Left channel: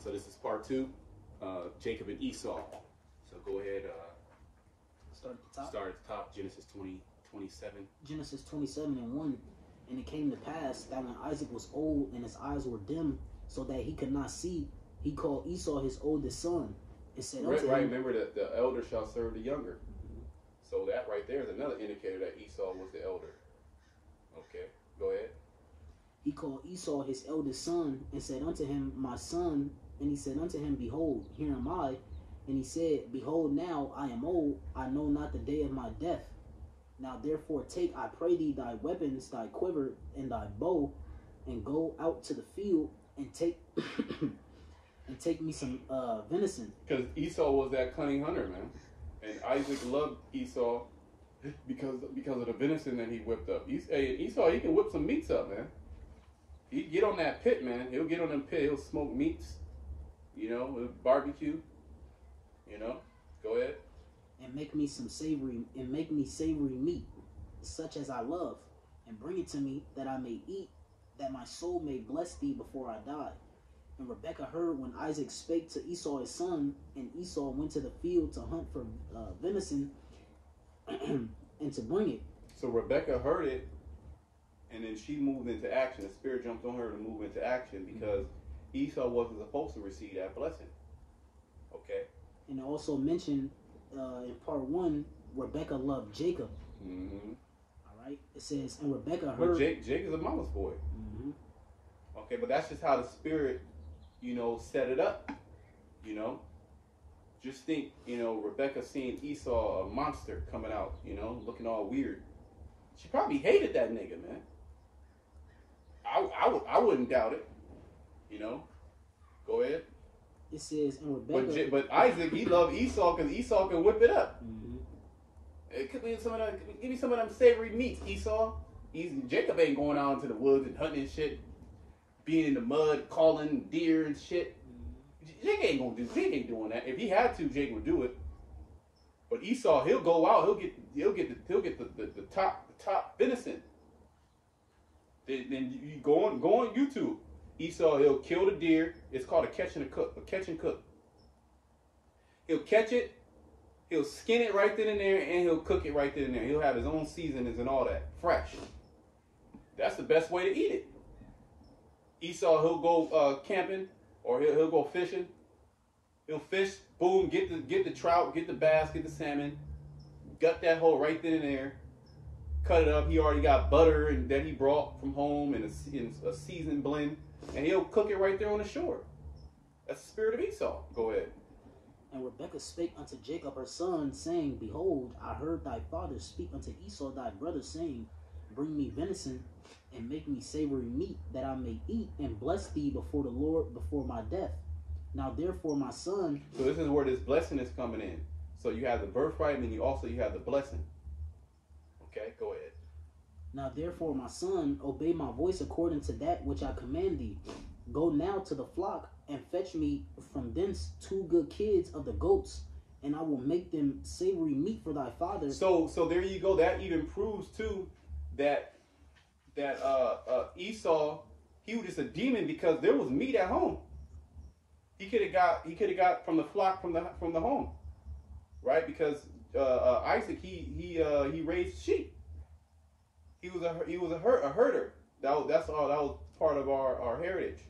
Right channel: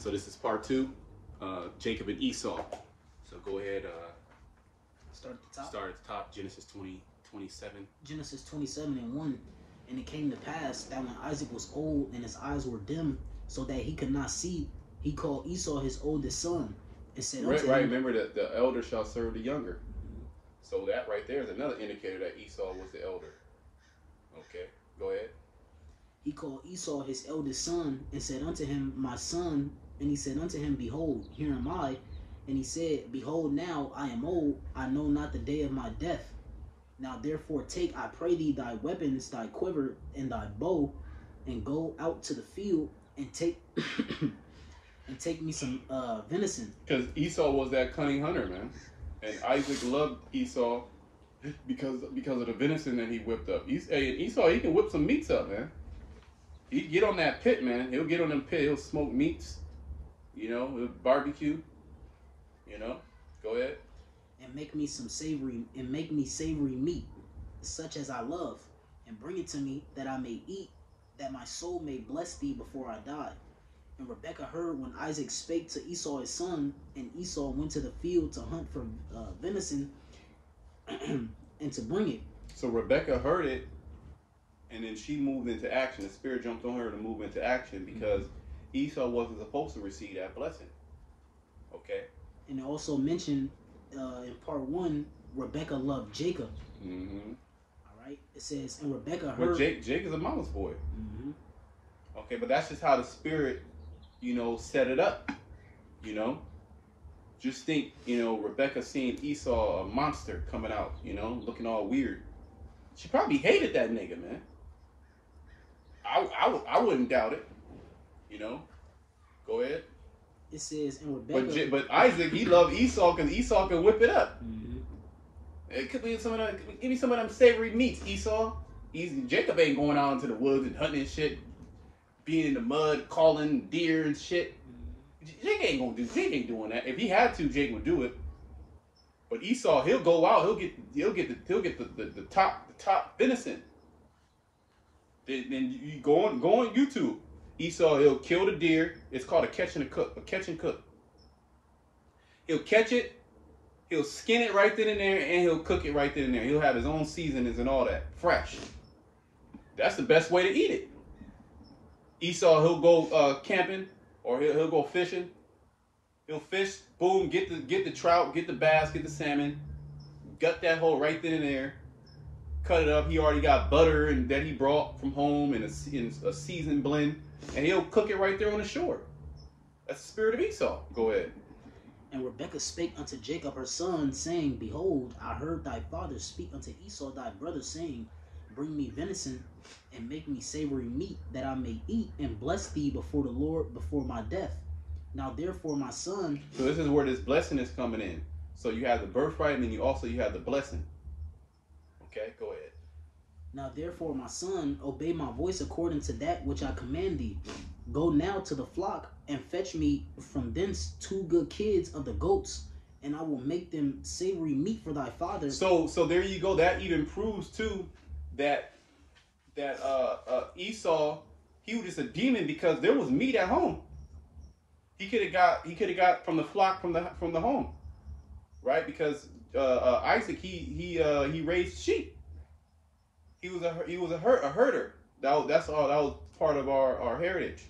So this is part two, Jacob and Esau. So go ahead, Start at the top. start at the top, Genesis 20:27. Genesis 27:1. And it came to pass that when Isaac was old and his eyes were dim, so that he could not see, he called Esau his oldest son, and said unto Right, him, remember that the elder shall serve the younger. So that right there is another indicator that Esau was the elder. Okay, go ahead. he called Esau his eldest son, and said unto him, my son. And he said unto him, behold, here am I. And he said, behold, now I am old, I know not the day of my death. Now therefore take, I pray thee, thy weapons, thy quiver, and thy bow, and go out to the field, and take and take me some venison. Because Esau was that cunning hunter, man. And Isaac loved Esau because of the venison that he whipped up. Esau, he can whip some meats up, man. He get on that pit, man. He'll get on them pit. He'll smoke meats. He'll barbecue. Go ahead. And make me savory meat, such as I love, and bring it to me, that I may eat, that my soul may bless thee before I die. And Rebekah heard when Isaac spake to Esau his son, and Esau went to the field to hunt for venison, and to bring it. So Rebekah heard it, and then she moved into action. The spirit jumped on her to move into action because Esau wasn't supposed to receive that blessing. Okay. And it also mentioned in part 1, Rebekah loved Jacob. Mm-hmm. All right. It says, and Rebekah But heard. Jake is a mama's boy. Mm-hmm. Okay, but that's just how the spirit, set it up. Just think, Rebecca seeing Esau, a monster coming out, looking all weird. She probably hated that nigga, man. I wouldn't doubt it. Go ahead. It says, and Rebekah. But Isaac, he loved Esau because Esau can whip it up. Mm-hmm. It could be give me some of them savory meats, Esau. Jacob ain't going out into the woods and hunting and shit, being in the mud, calling deer and shit. Jake ain't doing that. If he had to, Jake would do it. But Esau, he'll go out. He'll get the top venison. Then you go on YouTube. Esau, he'll kill the deer. It's called a catch and cook. He'll catch it. He'll skin it right then and there, and he'll cook it right then and there. He'll have his own seasonings and all that, fresh. That's the best way to eat it. Esau, he'll go camping, or he'll go fishing. He'll fish, boom, get the trout, get the bass, get the salmon, gut that whole right then and there, cut it up. He already got butter and that he brought from home and a seasoned blend, and he'll cook it right there on the shore. That's the spirit of Esau. Go ahead. And Rebekah spake unto Jacob her son, saying, behold, I heard thy father speak unto Esau thy brother, saying, bring me venison, and make me savory meat, that I may eat, and bless thee before the Lord before my death. Now therefore, my son. So this is where this blessing is coming in. So you have the birthright, and then you have the blessing. Okay, go ahead. Now therefore, my son, obey my voice according to that which I command thee. Go now to the flock, and fetch me from thence 2 good kids of the goats, and I will make them savory meat for thy father. So there you go. That even proves too that Esau, he was just a demon because there was meat at home. He could have got from the flock from the home, right? Because Isaac he raised sheep. He was a herder. That was part of our heritage.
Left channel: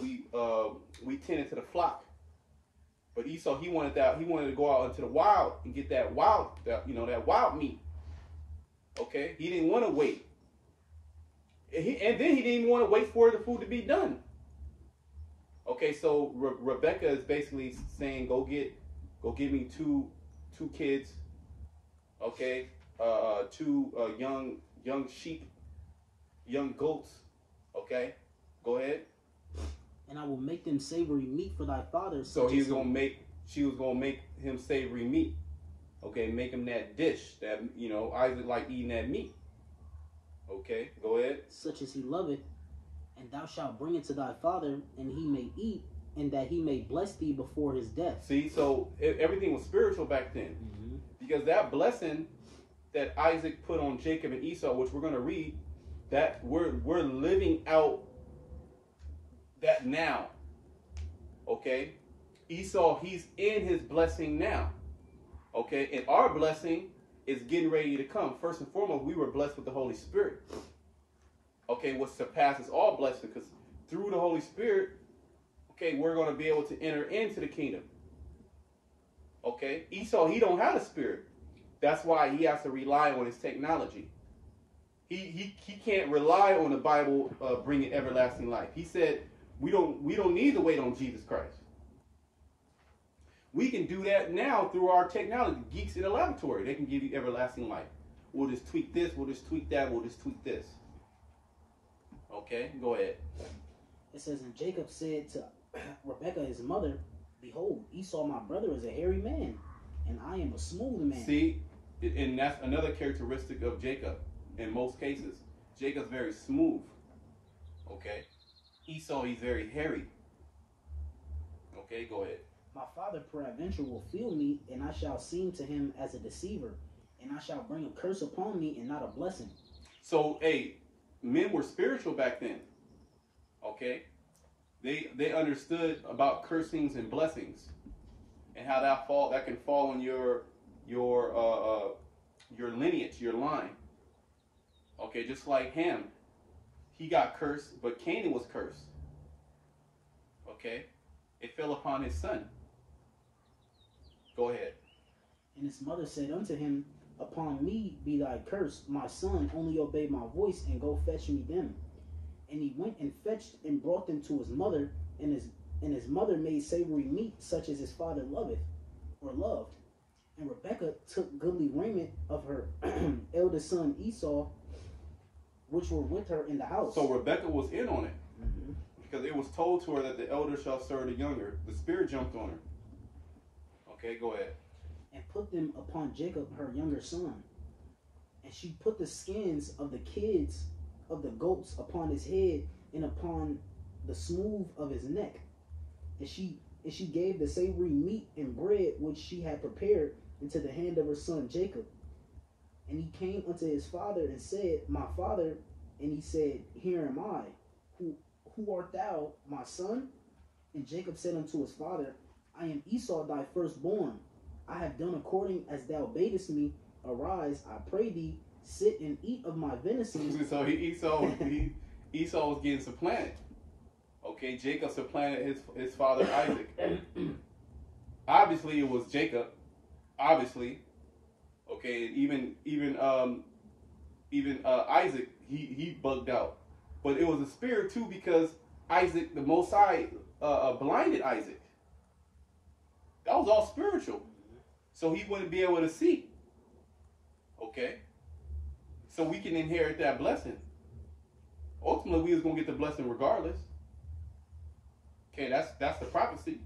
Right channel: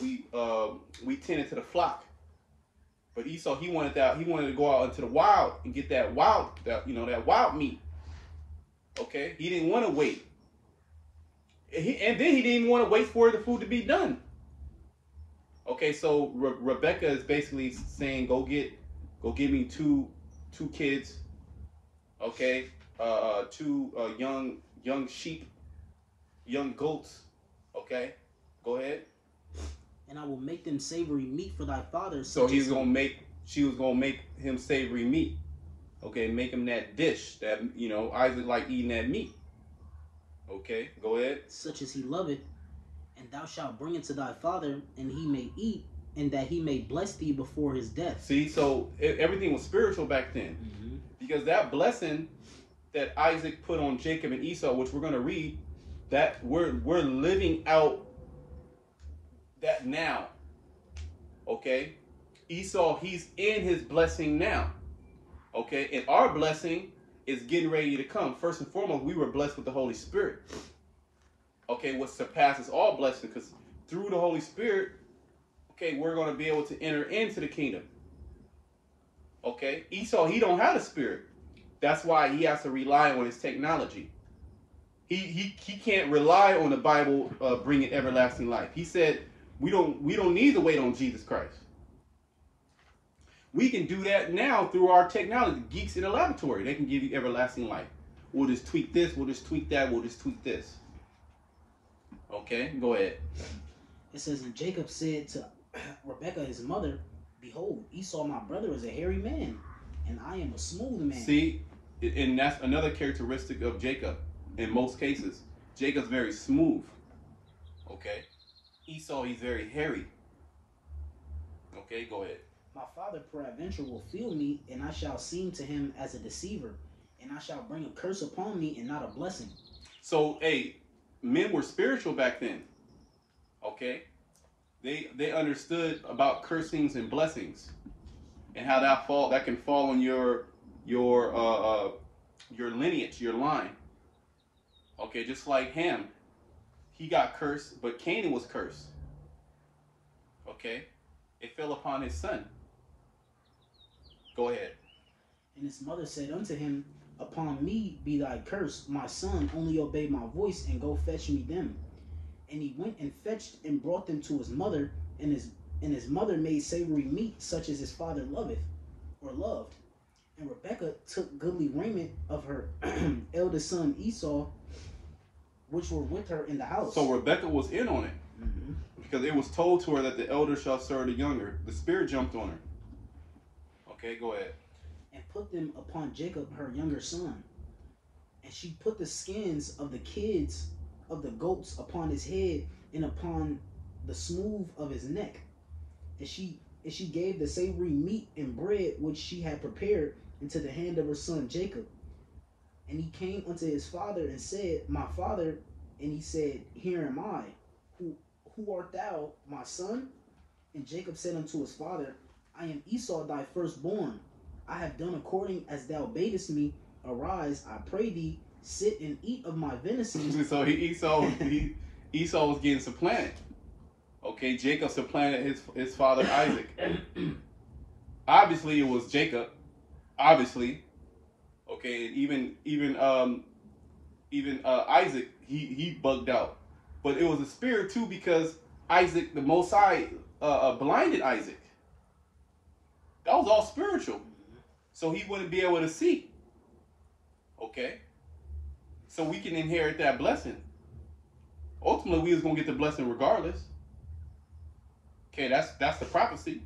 We tended to the flock. But Esau, he wanted to go out into the wild and get that wild meat. Okay, he didn't want to wait. And then he didn't even want to wait for the food to be done. Okay, so Rebecca is basically saying, go give me two kids. Okay, 2 young sheep, young goats. Okay, go ahead. And I will make them savory meat for thy father. So she was gonna make him savory meat. Okay, make him that dish that Isaac like eating that meat. Okay, go ahead. Such as he loveth, and thou shalt bring it to thy father, and he may eat, and that he may bless thee before his death. See, so everything was spiritual back then, because that blessing that Isaac put on Jacob and Esau, which we're gonna read, that we're living out that now. Okay, Esau, he's in his blessing now. Okay, and our blessing is getting ready to come. First and foremost, we were blessed with the Holy Spirit. Okay, what surpasses all blessing, because through the Holy Spirit, okay, we're going to be able to enter into the kingdom. Okay, Esau, he don't have the Spirit. That's why he has to rely on his technology. He can't rely on the Bible bringing everlasting life. He said we don't need to wait on Jesus Christ. We can do that now through our technology. Geeks in the laboratory, they can give you everlasting life. We'll just tweak this, we'll just tweak that, we'll just tweak this. Okay, go ahead. It says, and Jacob said to Rebekah his mother, behold, Esau my brother is a hairy man, and I am a smooth man. See, and that's another characteristic of Jacob. In most cases, Jacob's very smooth. Okay, Esau, he's very hairy. Okay, go ahead. My father peradventure will feel me, and I shall seem to him as a deceiver, and I shall bring a curse upon me and not a blessing. So, hey, men were spiritual back then. Okay, they understood about cursings and blessings, and how that can fall on your lineage, your line. Okay, just like Ham, he got cursed, but Canaan was cursed. Okay, it fell upon his son. Go ahead. And his mother said unto him, upon me be thy curse, my son, only obey my voice, and go fetch me them. And he went and fetched and brought them to his mother, and his mother made savory meat, such as his father loveth, or loved. And Rebekah took goodly raiment of her eldest son Esau, which were with her in the house. So Rebekah was in on it. Mm-hmm. Because it was told to her that the elder shall serve the younger. The spirit jumped on her. Okay, go ahead. And put them upon Jacob, her younger son. And she put the skins of the kids of the goats upon his head and upon the smooth of his neck. And she gave the savory meat and bread which she had prepared into the hand of her son Jacob. And he came unto his father and said, my father. And he said, here am I. Who art thou, my son? And Jacob said unto his father, I am Esau thy firstborn. I have done according as thou badest me. Arise, I pray thee, sit and eat of my venison. So Esau was getting supplanted. Okay, Jacob supplanted his father Isaac. Obviously, it was Jacob. Obviously, okay, and even Isaac, he bugged out. But it was a spirit too, because Isaac, the Most High, blinded Isaac. That was all spiritual, so he wouldn't be able to see. Okay, so we can inherit that blessing. Ultimately, we was gonna get the blessing regardless. Okay, that's the prophecy.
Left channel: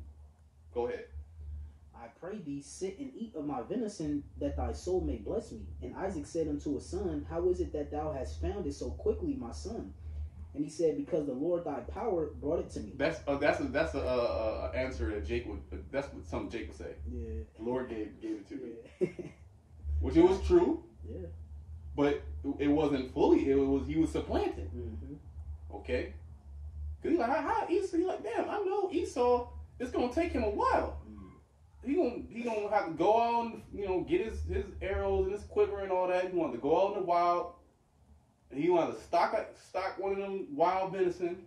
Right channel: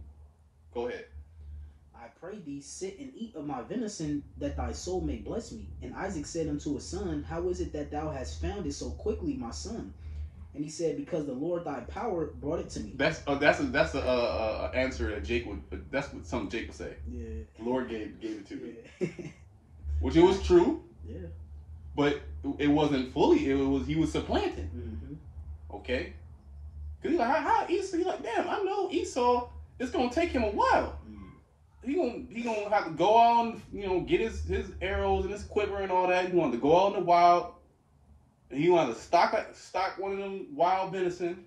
Go ahead. I pray thee, sit and eat of my venison, that thy soul may bless me. And Isaac said unto his son, how is it that thou hast found it so quickly, my son? And he said, because the Lord thy power brought it to me. That's a answer that Jake would. That's what some Jake would say. Yeah. The Lord gave it to me, Yeah. which it was true. Yeah. But it wasn't fully. He was supplanted. Mm-hmm. Okay. Cause he's like, how Esau? He's like, damn, I know Esau. It's gonna take him a while. He gonna have to go out and get his arrows and his quiver and all that. He wanted to go out in the wild. And he wanted to stock one of them wild venison.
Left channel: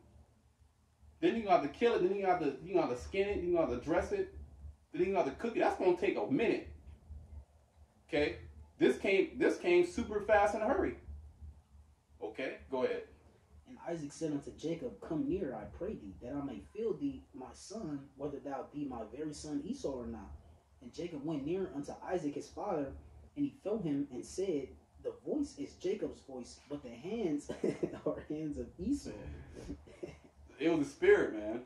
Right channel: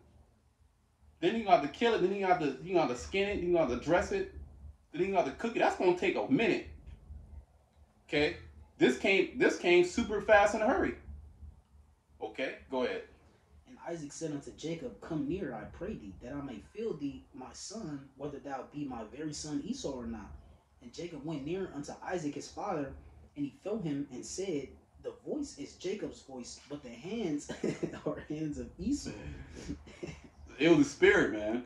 Then you have to kill it. Then you have to skin it. Then you have to dress it. Then you have to cook it. That's gonna take a minute. Okay, this came super fast in a hurry. Okay, go ahead. And Isaac said unto Jacob, come near, I pray thee, that I may feel thee, my son, whether thou be my very son Esau or not. And Jacob went near unto Isaac his father, and he felt him and said, the voice is Jacob's voice, but the hands are hands of Esau. It was the spirit, man.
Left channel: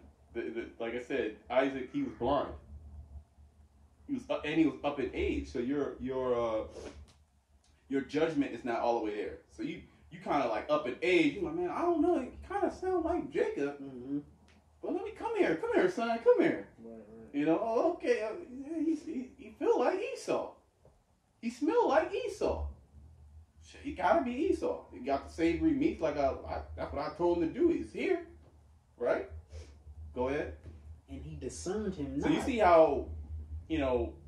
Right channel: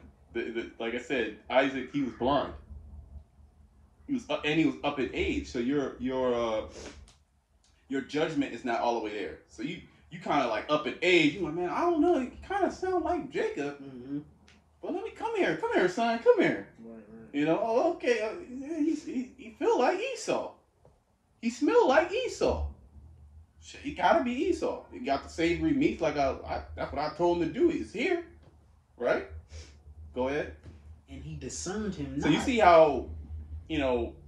Like I said, Isaac, he was blind. He was up in age, so your judgment is not all the way there. So you kind of like up in age. You're like, man, I don't know. You kind of sound like Jacob. Mm-hmm. But let me come here, son, come here. Right. Oh, okay. He feel like Esau. He smell like Esau. Shit, he gotta be Esau. He got the savory meat, like that's what I told him to do. He's here, right? Go ahead. And he discerned him not. So you see how,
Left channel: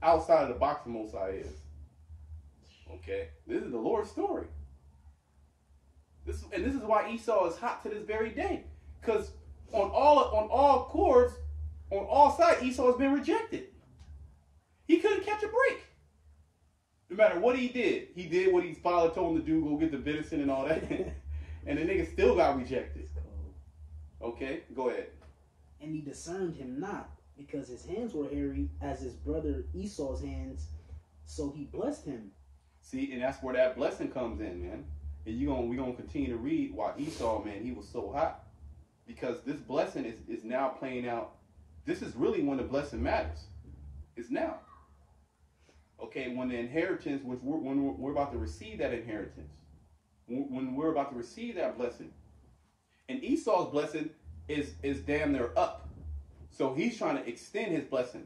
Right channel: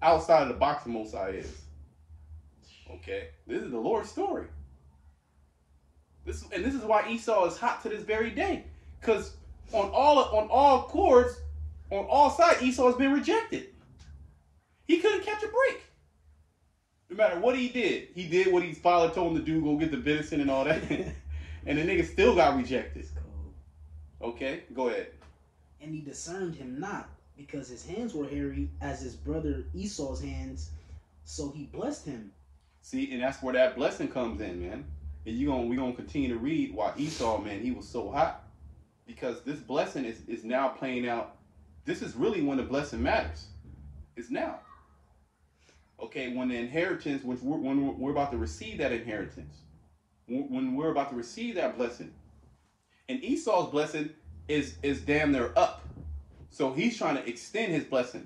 outside of the box the Most High is. Okay, this is the Lord's story. This is why Esau is hot to this very day, because on all chords, on all sides, Esau has been rejected. He couldn't catch a break. No matter what he did what his father told him to do, go get the venison and all that, and the nigga still got rejected. Okay, go ahead. And he discerned him not, because his hands were hairy as his brother Esau's hands, so he blessed him. See, and that's where that blessing comes in, man. And we're gonna continue to read why Esau, man, he was so hot. Because this blessing is now playing out. This is really when the blessing matters. It's now. Okay, when the inheritance, when we're about to receive that inheritance, when we're about to receive that blessing, and Esau's blessing is damn near up, so he's trying to extend his blessing,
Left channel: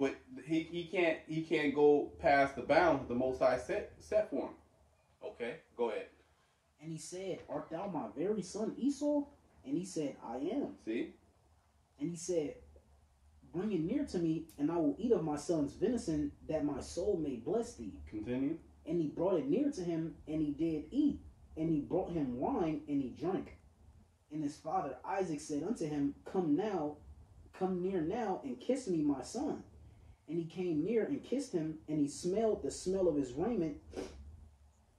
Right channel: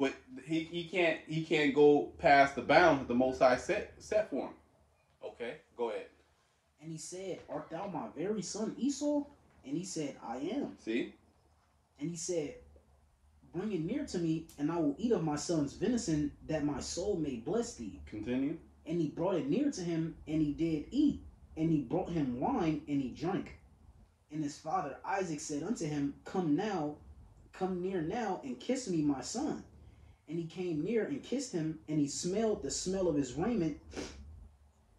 but he can't go past the bounds that the Most High set for him. Okay, go ahead. And he said, "Art thou my very son Esau?" And he said, "I am." See? And he said, "Bring it near to me, and I will eat of my son's venison, that my soul may bless thee." Continue. And he brought it near to him, and he did eat. And he brought him wine, and he drank. And his father Isaac said unto him, Come near now, and kiss me, my son. And he came near and kissed him, and he smelled the smell of his raiment,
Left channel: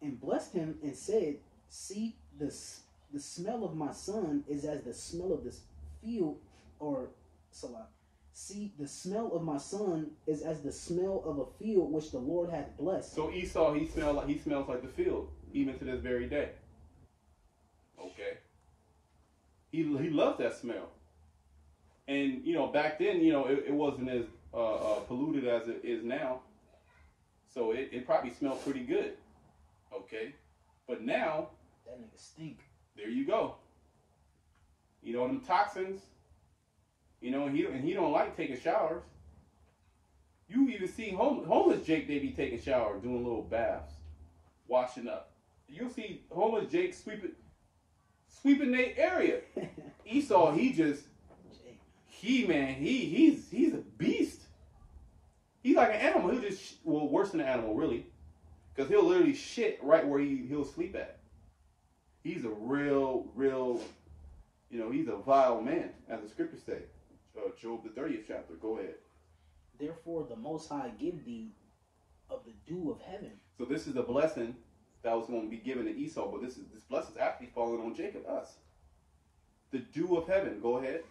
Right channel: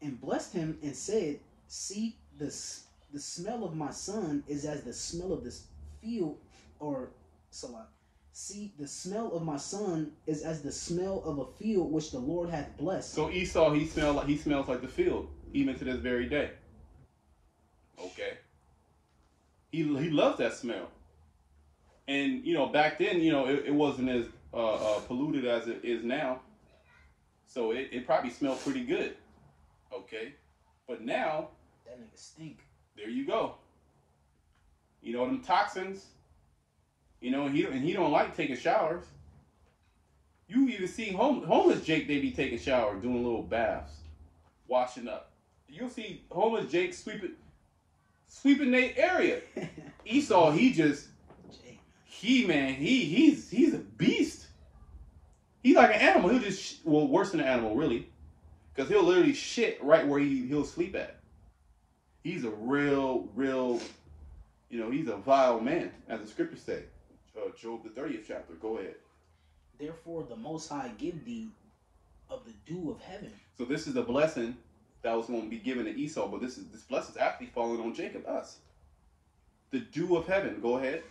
and blessed him, and said, See, the smell of my son is as the smell of this field, or Salah. See, the smell of my son is as the smell of a field which the Lord hath blessed. So Esau, he smells like the field, even to this very day. Okay. He loves that smell. And back then, it wasn't as polluted as it is now. So it probably smelled pretty good. Okay. But now, that nigga stink. There you go. Them toxins. And he don't like taking showers. You even see homeless Jake, they be taking showers, doing little baths, washing up. You'll see homeless Jake sweeping their area. Esau, he's a beast. He's like an animal. He'll just worse than an animal, really, because he'll literally shit right where he'll sleep at. He's a real, he's a vile man, as the scriptures say. Job, the 30th chapter. Go ahead. Therefore, the Most High give thee of the dew of heaven. So this is the blessing that was going to be given to Esau, but this blessing is actually falling on Jacob, us. The dew of heaven. Go ahead.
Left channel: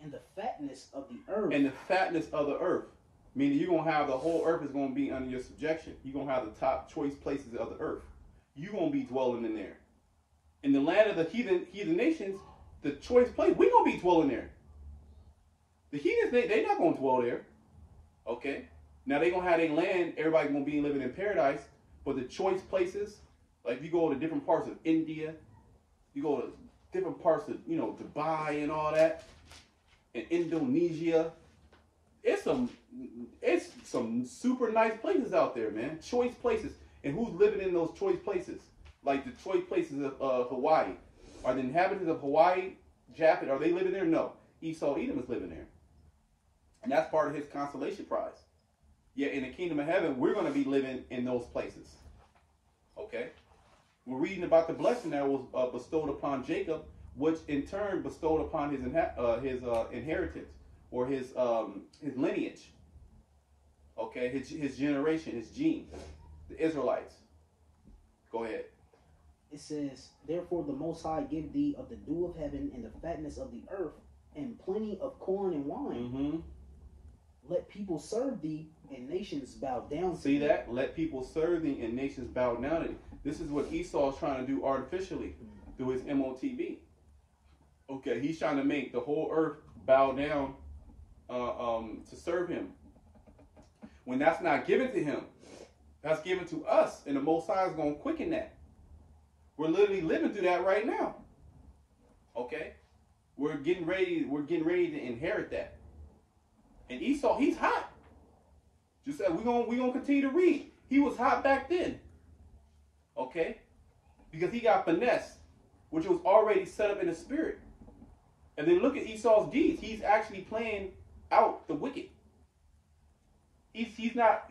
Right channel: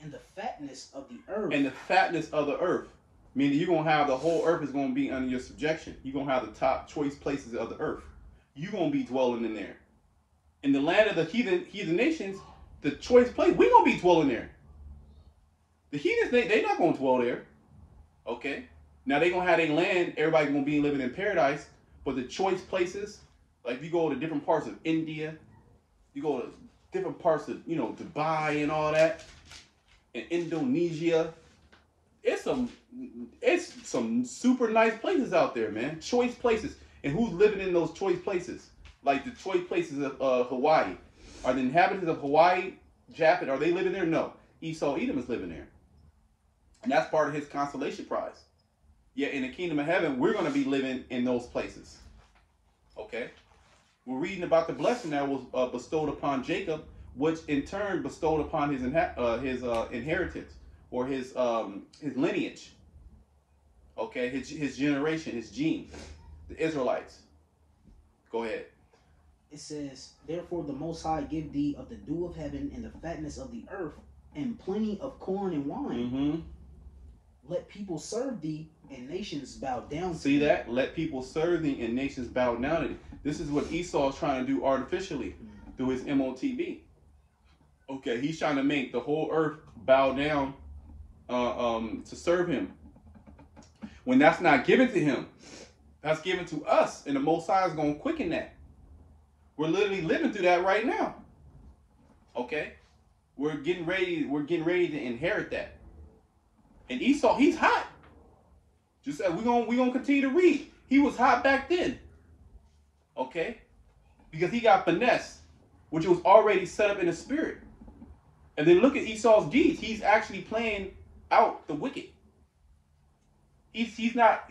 And the fatness of the earth. And the fatness of the earth. Meaning you're going to have the whole earth is going to be under your subjection. You're going to have the top choice places of the earth. You're going to be dwelling in there. In the land of the heathen nations, the choice place, we're going to be dwelling there. The heathens, they're not going to dwell there. Okay? Now they're going to have their land. Everybody's going to be living in paradise. But the choice places, like if you go to different parts of India, you go to different parts of, Dubai and all that, and Indonesia, it's some super nice places out there, man. Choice places. And who's living in those choice places? Like the choice places of Hawaii. Are the inhabitants of Hawaii, Japan, are they living there? No. Esau, Edom is living there. And that's part of his consolation prize. Yeah, in the kingdom of heaven, we're going to be living in those places. Okay? We're reading about the blessing that was bestowed upon Jacob, which in turn bestowed upon his inheritance, or his lineage. Okay? His generation, his gene. The Israelites. Go ahead. It says, Therefore the Most High give thee of the dew of heaven and the fatness of the earth, and plenty of corn and wine. Mm-hmm. Let people serve thee, and nations bow down to See thee. that? Let people serve thee, and nations bow down to thee. This is what Esau is trying to do artificially through his MOTB. Okay, he's trying to make the whole earth bow down to serve him. When that's not given to him, that's given to us, and the Most High is going to quicken that. We're literally living through that right now. Okay? We're getting ready to inherit that. And Esau, he's hot. Just said we're gonna continue to read. He was hot back then. Okay? Because he got finesse, which was already set up in the spirit. And then look at Esau's deeds. He's actually playing out the wicked. He's not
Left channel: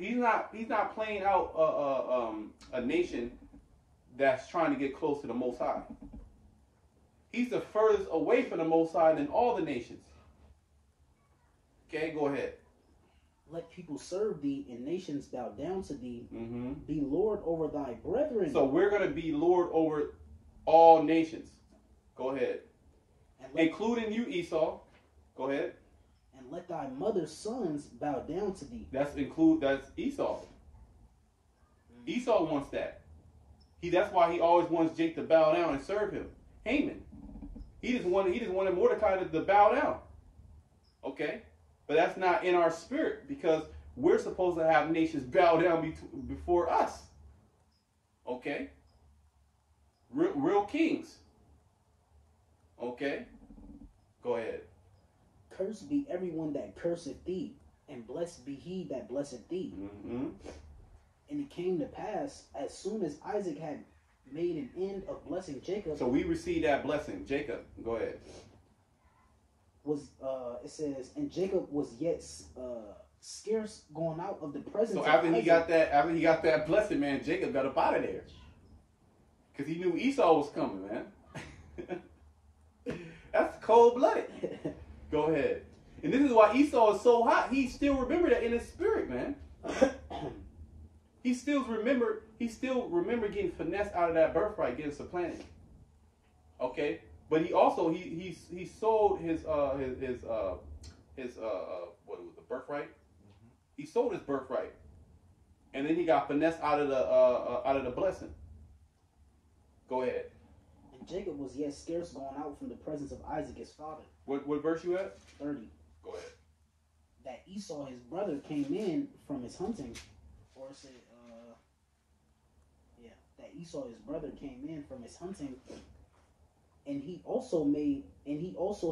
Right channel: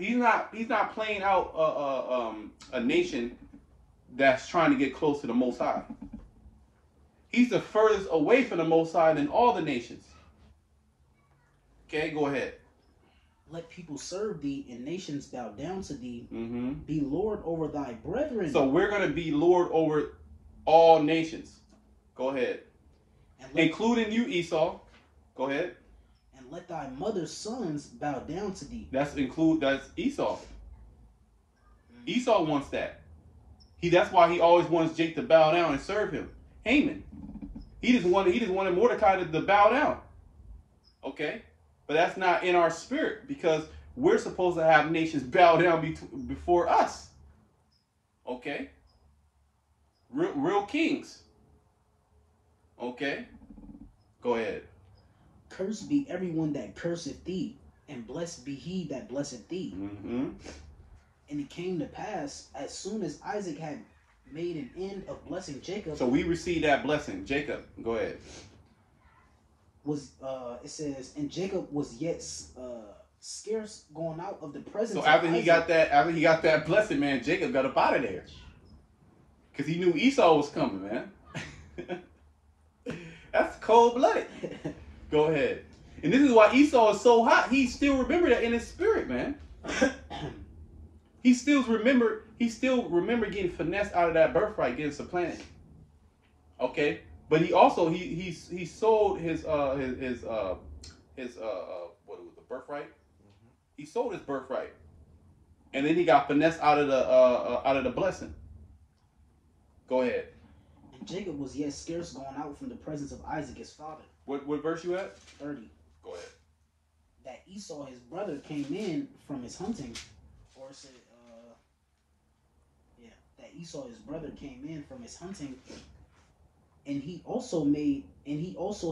playing out a nation that's trying to get close to the Most High. He's the furthest away from the Most High than all the nations. Okay, go ahead. Let people serve thee and nations bow down to thee. Mm-hmm. Be Lord over thy brethren. So we're going to be Lord over all nations. Go ahead. Including you, Esau. Go ahead. And let thy mother's sons bow down to thee. That's Esau. Esau wants that. That's why he always wants Jake to bow down and serve him. Haman. He just wanted Mordecai to bow down. Okay? But that's not in our spirit, because we're supposed to have nations bow down before us. Okay? Real kings. Okay? Go ahead. Cursed be everyone that curseth thee, and blessed be he that blesseth thee. Mm-hmm. And it came to pass, as soon as Isaac had made an end of blessing Jacob. So we received that blessing. Jacob, go ahead. It says, and Jacob was yet scarce going out of the presence. So after of he got that blessing, man, Jacob got up out of there, because he knew Esau was coming, man. That's cold-blooded. Go ahead. And this is why Esau is so hot. He still remembered that in his spirit, man. He still remember getting finessed out of that birthright, getting supplanted. Okay, but he also he sold his what was the birthright? Mm-hmm. He sold his birthright, and then he got finessed out of the blessing. Go ahead. And Jacob was yet scarce gone out from the presence of Isaac his father. What verse you at? 30. Go ahead. That Esau his brother came in from his hunting, or it said, that Esau his brother came in from his hunting, and he also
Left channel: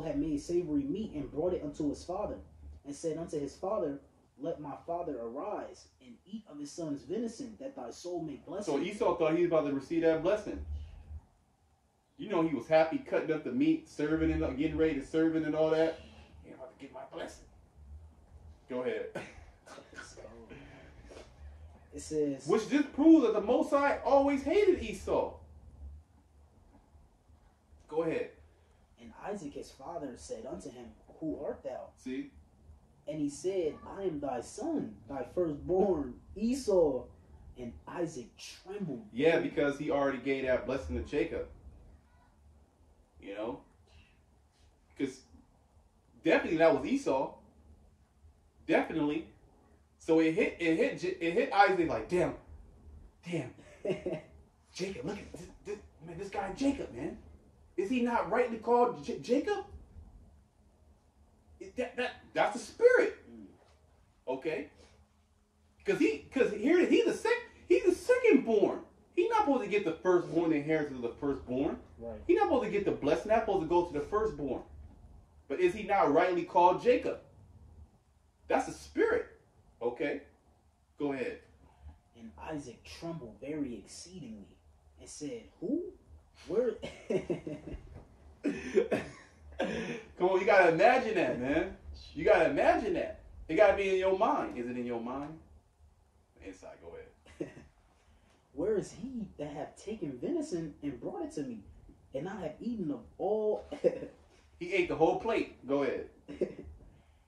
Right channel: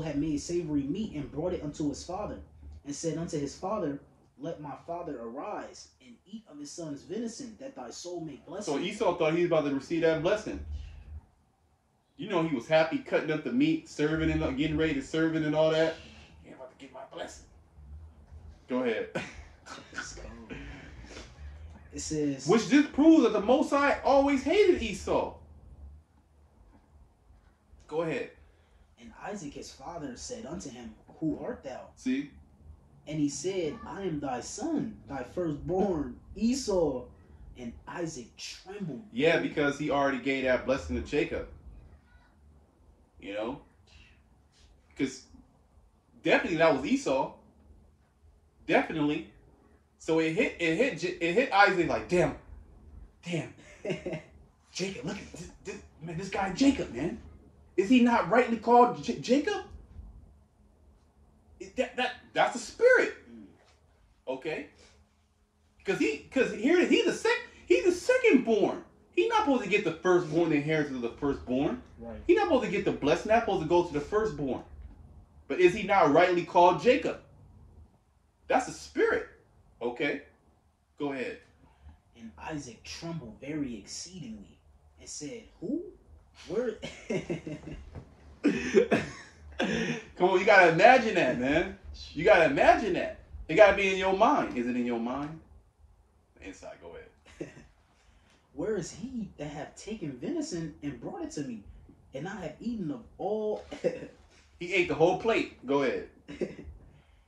had made savory meat and brought it unto his father, and said unto his father, let my father arise and eat of his son's venison, that thy soul may bless him. So Esau thought he was about to receive that blessing. You know, he was happy cutting up the meat, serving and getting ready to serve it and all that. He about to get my blessing. Go ahead. It says, which just proves that the Most High always hated Esau. Go ahead. And Isaac his father said unto him, who art thou? See? And he said, I am thy son, thy firstborn, Esau. And Isaac trembled. Yeah, because he already gave that blessing to Jacob. You know? Because definitely that was Esau. Definitely. So it hit Isaac like, damn. Jacob, look at this guy Jacob, man. Is he not rightly called Jacob? That's the spirit. Okay? Because he's the second born. He's not supposed to get the firstborn, the inheritance of the firstborn. Right. He's not supposed to get the blessing. Not supposed to go to the firstborn. But is he not rightly called Jacob? That's the spirit. Okay? Go ahead. And Isaac trembled very exceedingly and said, who? Where? Come on, you gotta imagine that, man. You gotta imagine that. It gotta be in your mind. Is it in your mind? Inside, go ahead. Where is he that hath taken venison and brought it to me? And I have eaten of all. He ate the whole plate. Go ahead.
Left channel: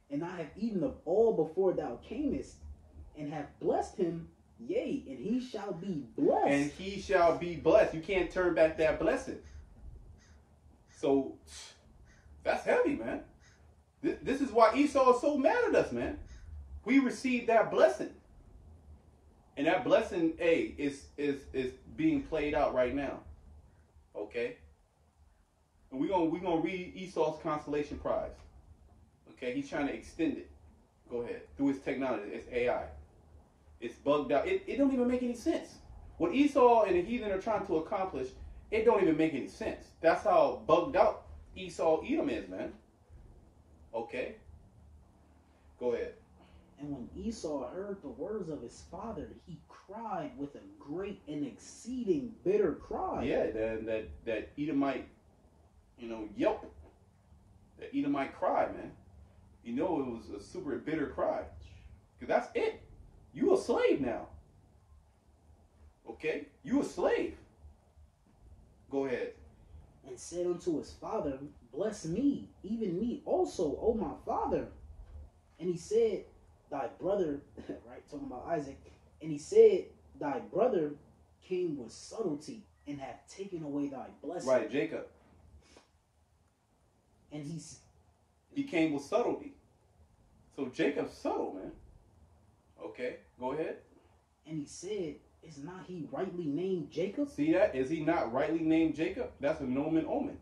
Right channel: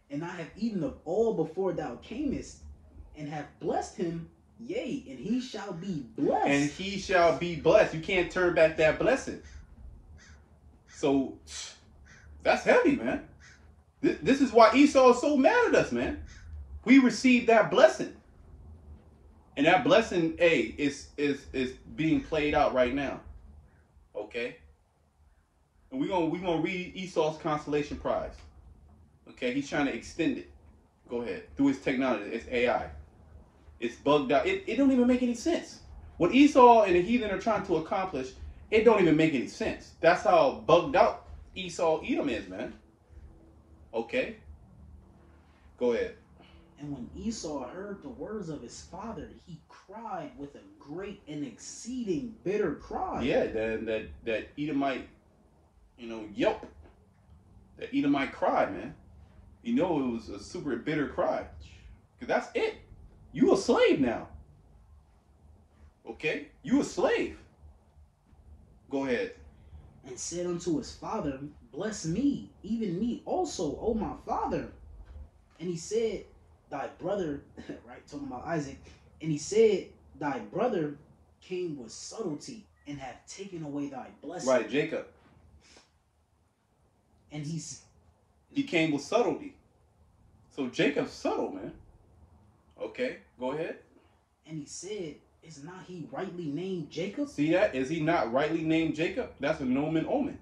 And I have eaten of all before thou camest, and have blessed him, yea, and he shall be blessed. And he shall be blessed. You can't turn back that blessing. So, that's heavy, man. This is why Esau is so mad at us, man. We received that blessing. And that blessing, is being played out right now. Okay? And we're gonna read Esau's consolation prize. Okay, he's trying to extend it. Go ahead. Through his technology. It's AI. It's bugged out. It don't even make any sense. What Esau and the heathen are trying to accomplish, it don't even make any sense. That's how bugged out Edom is, man. Okay? Go ahead. And when Esau heard the words of his father, he cried with a great and exceeding bitter cry. Yeah, that Edomite, yelp. That Edomite cry, man. You know it was a super bitter cry. Because that's it. You a slave now. Okay? You a slave. Go ahead. And said unto his father, Bless me, even me also, O my father. And he said, Thy brother, right, talking about Isaac, and he said, Thy brother came with subtlety and hath taken away thy blessing. Right, Jacob. And he came with subtlety. So Jacob's subtle, man. Okay, go ahead. And he said, Is not he rightly named Jacob? See that? Is he not rightly named Jacob? That's a nomen omen.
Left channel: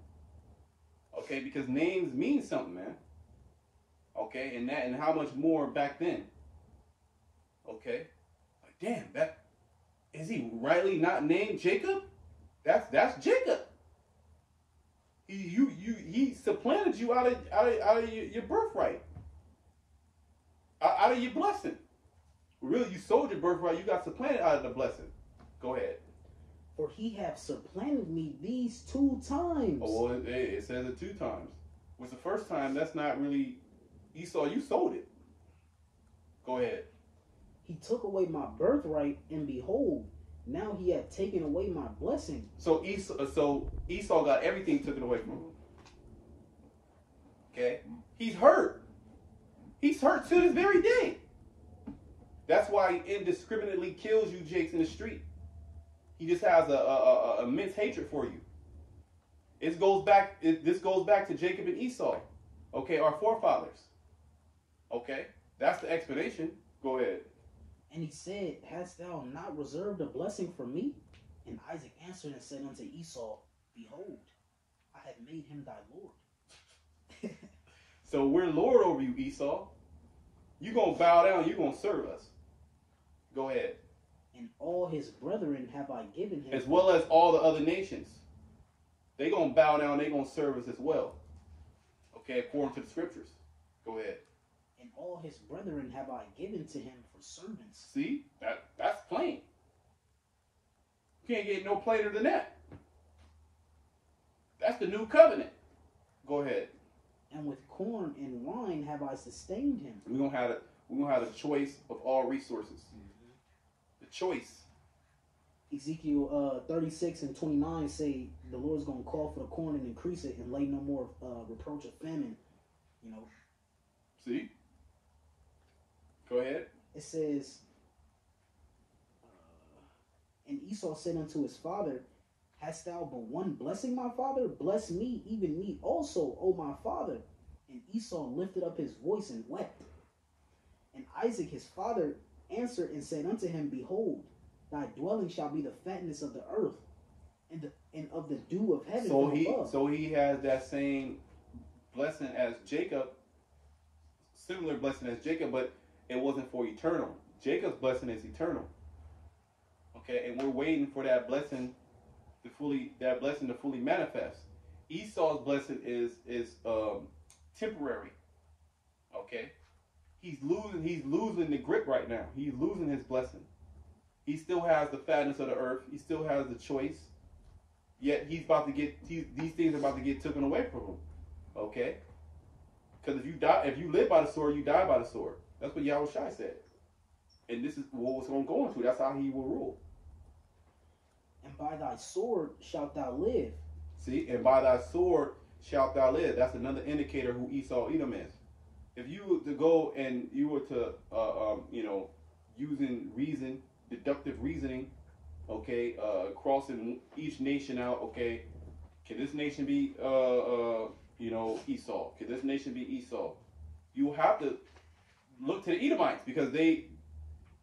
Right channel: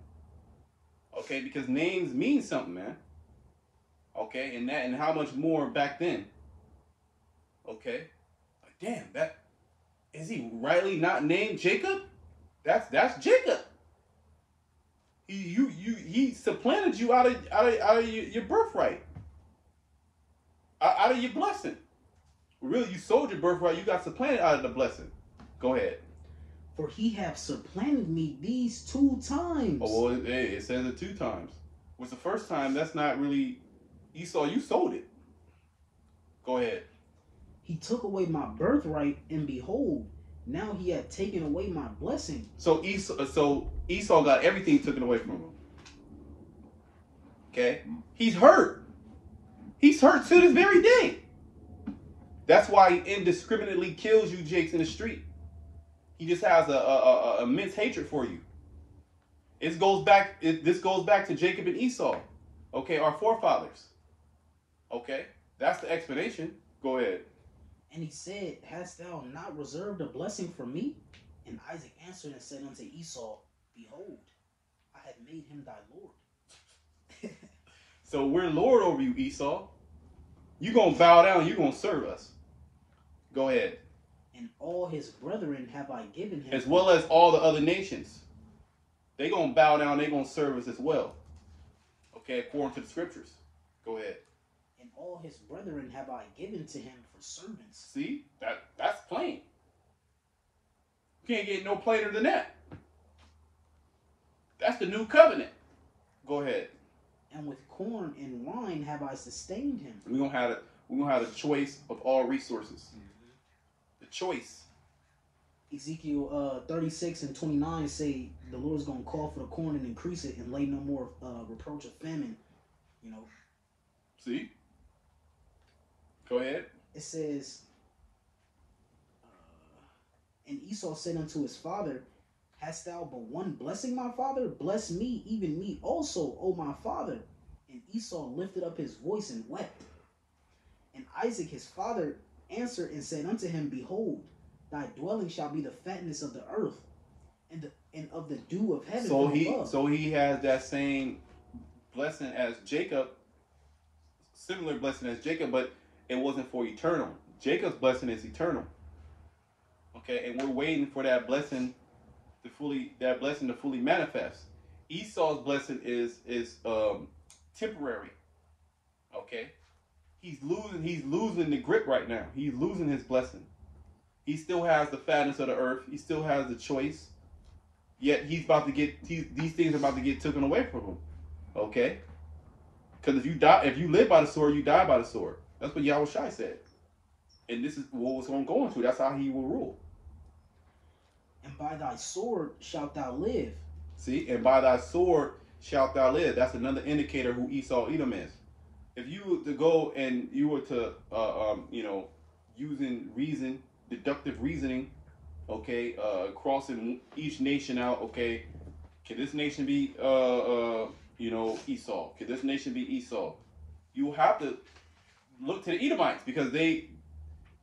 Okay, because names mean something, man. Okay, and how much more back then? Okay, damn, that is he rightly not named Jacob? That's Jacob. He supplanted you out of your birthright, out of your blessing. Really, you sold your birthright. You got supplanted out of the blessing. Go ahead. For he hath supplanted me these 2 times. Oh well, it says it 2 times. Was the first time? That's not really Esau. You sold it. Go ahead. He took away my birthright, and behold, now he had taken away my blessing. So Esau got everything taken away from him. Okay, he's hurt. He's hurt to this very day. That's why he indiscriminately kills you, Jakes, in the street. He just has a immense hatred for you. This goes back to Jacob and Esau. Okay, our forefathers. Okay, that's the explanation. Go ahead. And he said, Hast thou not reserved a blessing for me? And Isaac answered and said unto Esau, Behold, I have made him thy Lord. So we're Lord over you, Esau. You're going to bow down. You're going to serve us. Go ahead. And all his brethren have I given him. As well as all the other nations. They're going to bow down. They're going to serve us as well. Okay, according to the scriptures. Go ahead. And all his brethren have I given to him for servants. See? That's plain. You can't get no plainer than that. That's the new covenant. Go ahead. And with corn and wine have I sustained him. We're gonna have a choice of all resources. The choice. Ezekiel 36 and 29 say the Lord's gonna call for the corn and increase it and lay no more reproach of famine. You know. See? Go ahead. It says, and Esau said unto his father, Hast thou but one blessing, my father? Bless me, even me also, O my father. And Esau lifted up his voice and wept. And Isaac his father answered and said unto him, Behold, thy dwelling shall be the fatness of the earth, and of the dew of heaven. So he has that same blessing as Jacob, similar blessing as Jacob, but it wasn't for eternal. Jacob's blessing is eternal. Okay, and we're waiting for that blessing to fully manifest. Esau's blessing is temporary. Okay, he's losing the grip right now. He's losing his blessing. He still has the fatness of the earth. He still has the choice. Yet these things are about to get taken away from him. Okay, because if you live by the sword, you die by the sword. That's what Yahweh Shai said. And this is what was going to go into. That's how he will rule. And by thy sword shalt thou live. See, and by thy sword shalt thou live. That's another indicator who Esau Edom is. If you were to go and you were to, using reason, deductive reasoning, okay, crossing each nation out, okay, can this nation be, Esau? Can this nation be Esau? You have to look to the Edomites because they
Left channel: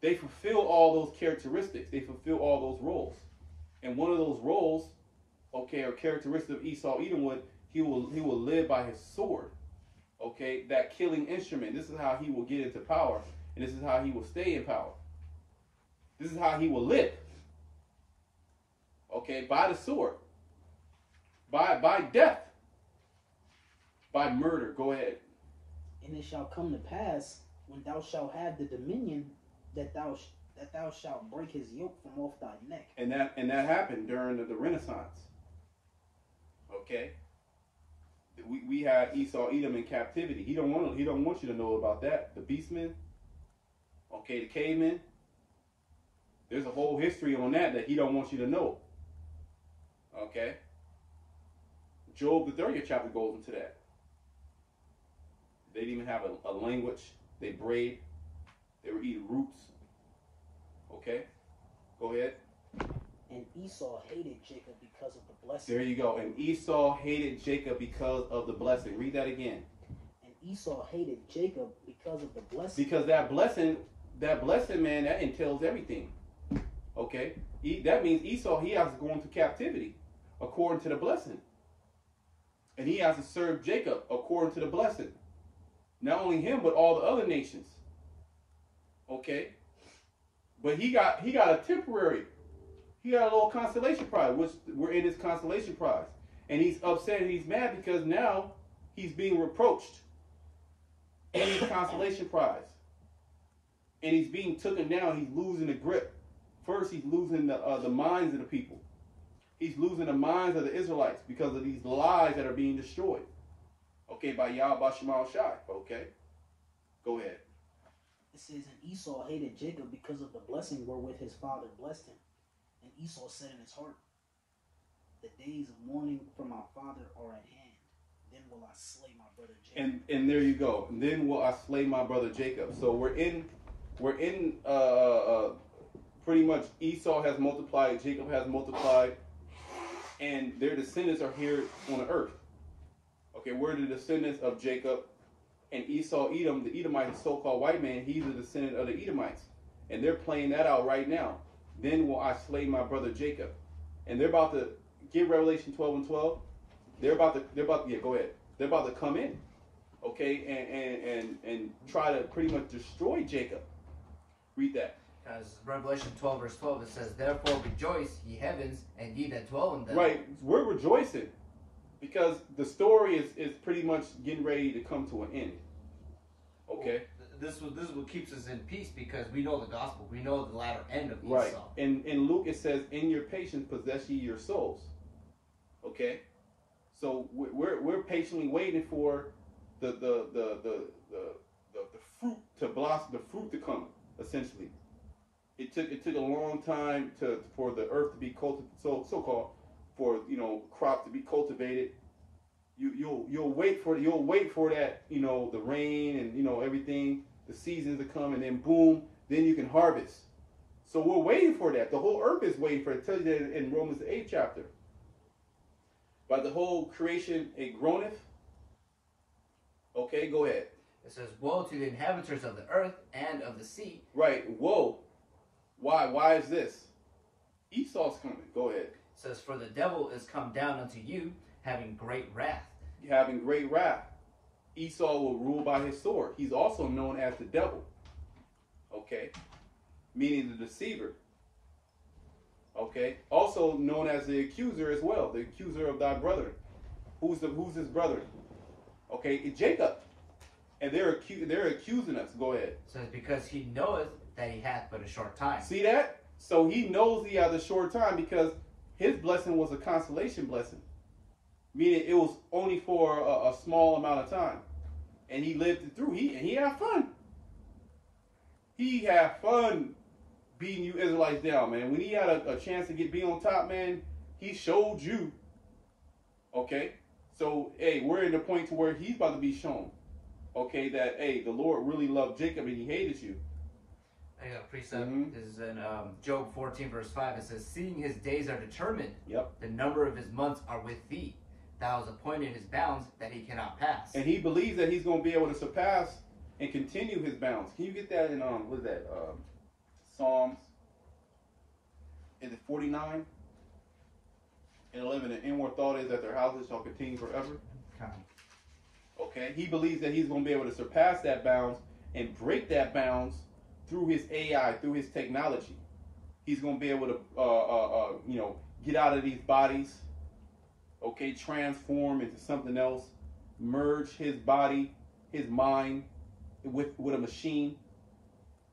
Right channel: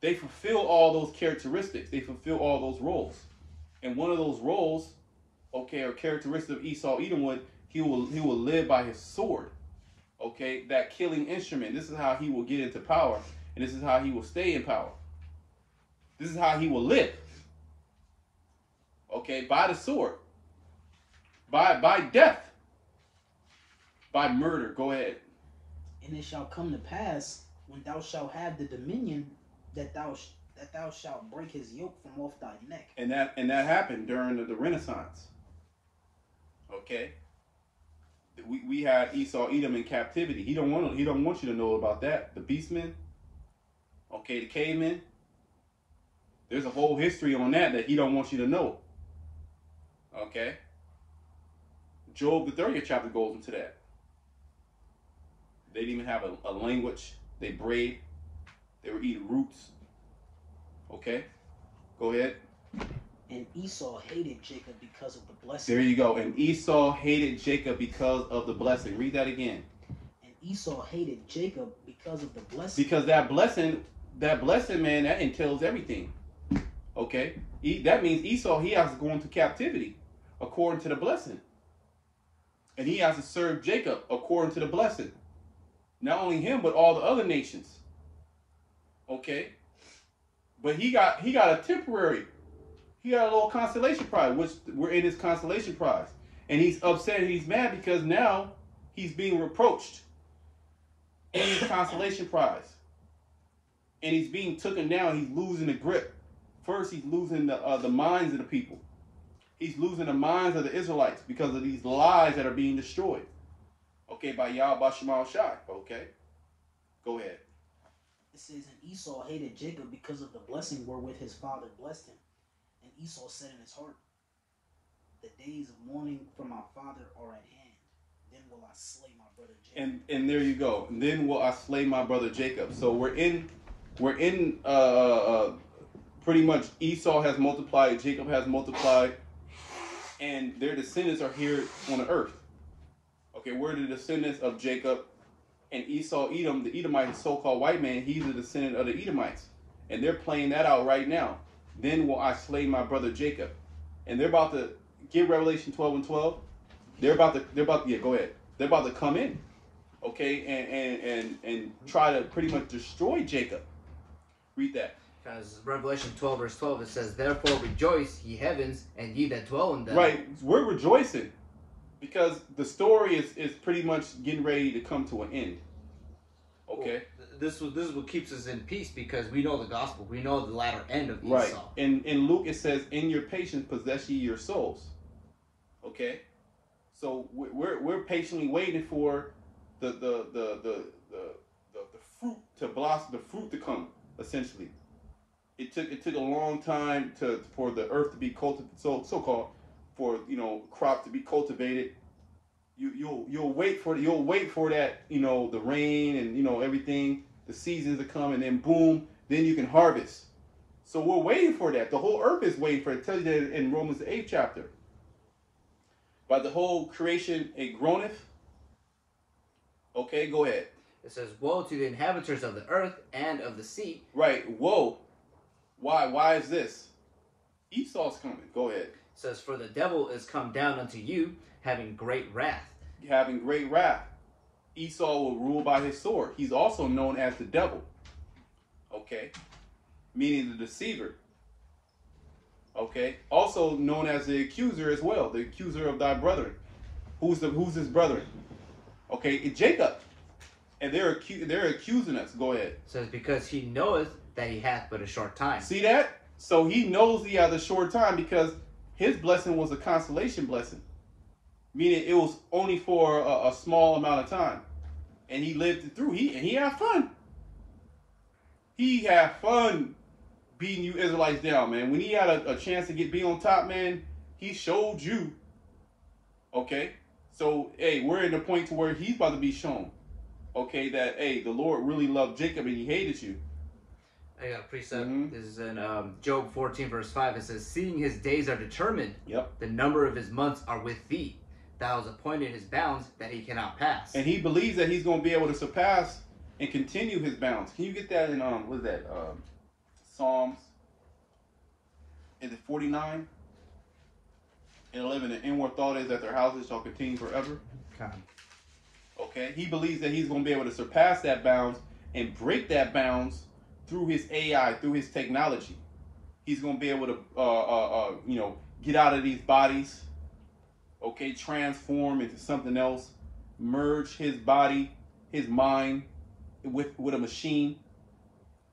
fulfill all those characteristics. They fulfill all those roles. And one of those roles, okay, or characteristic of Esau Edom he will live by his sword. Okay, that killing instrument. This is how he will get into power, and this is how he will stay in power. This is how he will live. Okay, by the sword. By death. By murder. Go ahead. And it shall come to pass when thou shalt have the dominion that thou shalt break his yoke from off thy neck. And that happened during the Renaissance. Okay. We had Esau, Edom in captivity. He don't want you to know about that. The beastmen, okay, the cavemen. There's a whole history on that he don't want you to know. Okay. Job, the 30th chapter, goes into that. They didn't even have a language. They brayed. They were eating roots. Okay. Go ahead. And Esau hated Jacob because of the blessing. There you go. And Esau hated Jacob because of the blessing. Read that again. And Esau hated Jacob because of the blessing. Because that blessing, man, that entails everything. Okay? That means Esau, he has to go into captivity according to the blessing. And he has to serve Jacob according to the blessing. Not only him, but all the other nations. Okay? But he got a temporary. He got a little consolation prize, which we're in his consolation prize. And he's upset and he's mad because now he's being reproached in his consolation prize. And he's being taken down. He's losing the grip. First, he's losing the minds of the people. He's losing the minds of the Israelites because of these lies that are being destroyed. Okay, by Yahweh Shemal Shai. Okay, go ahead. It says, and Esau hated Jacob because of the blessing wherewith his father blessed him. And Esau said in his heart, the days of mourning for my father are at hand. Then will I slay my brother Jacob. And there you go. And then will I slay my brother Jacob. So we're in pretty much Esau has multiplied, Jacob has multiplied, and their descendants are here on the earth. Okay, we're the descendants of Jacob, and Esau, Edom, the Edomite, so-called white man, he's a descendant of the Edomites. And they're playing that out right now. Then will I slay my brother Jacob. And they're about to get Revelation 12:12. They're about to, yeah, go ahead. They're about to come in, okay, and try to pretty much destroy Jacob. Read that. As Revelation 12 verse 12, it says, therefore rejoice, ye heavens, and ye that dwell in them. Right, we're rejoicing because the story is pretty much getting ready to come to an end. Okay. Well, this is what keeps us in peace because we know the gospel. We know the latter end of Esau. Right. In Luke it says, in your patience possess ye your souls. Okay. So we're patiently waiting for the fruit to blossom, the fruit to come. Essentially, it took a long time for the earth to be cultivated, so-called, for crops to be cultivated. You'll wait for that, the rain and everything, the seasons to come, and then boom, then you can harvest. So we're waiting for that. The whole earth is waiting for it. It tells you that in Romans the 8th chapter. By the whole creation it groaneth. Okay, go ahead. It says, woe to the inhabitants of the earth and of the sea. Right, woe. Why? Why is this? Esau's coming. Go ahead. It says, for the devil is come down unto you, having great wrath. Having great wrath. Esau will rule by his sword. He's also known as the devil. Okay. Meaning the deceiver. Okay. Also known as the accuser as well. The accuser of thy brethren. Who's his brother? Okay, it's Jacob. And they're accusing us. Go ahead. It says, because he knoweth that he hath but a short time. See that? So he knows he has a short time because his blessing was a consolation blessing. Meaning it was only for a small amount of time. And he lived it through. He had fun. He had fun beating you Israelites down, man. When he had a chance to be on top, man, he showed you. Okay? So, hey, we're in the point to where he's about to be shown. Okay, that, hey, the Lord really loved Jacob and he hated you. I got a precept. This is in Job 14 verse 5. It says, seeing his days are determined, the number of his months are with thee. Thou hast appointed his bounds that he cannot pass. And he believes that he's going to be able to surpass and continue his bounds. Can you get that in, what is that? Psalms, is it 49? And 11, the inward thought is that their houses shall continue forever. Okay, he believes that he's going to be able to surpass that bounds and break that bounds through his AI, through his technology. He's going to be able to, get out of these bodies, okay, transform into something else, merge his body, his mind with a machine,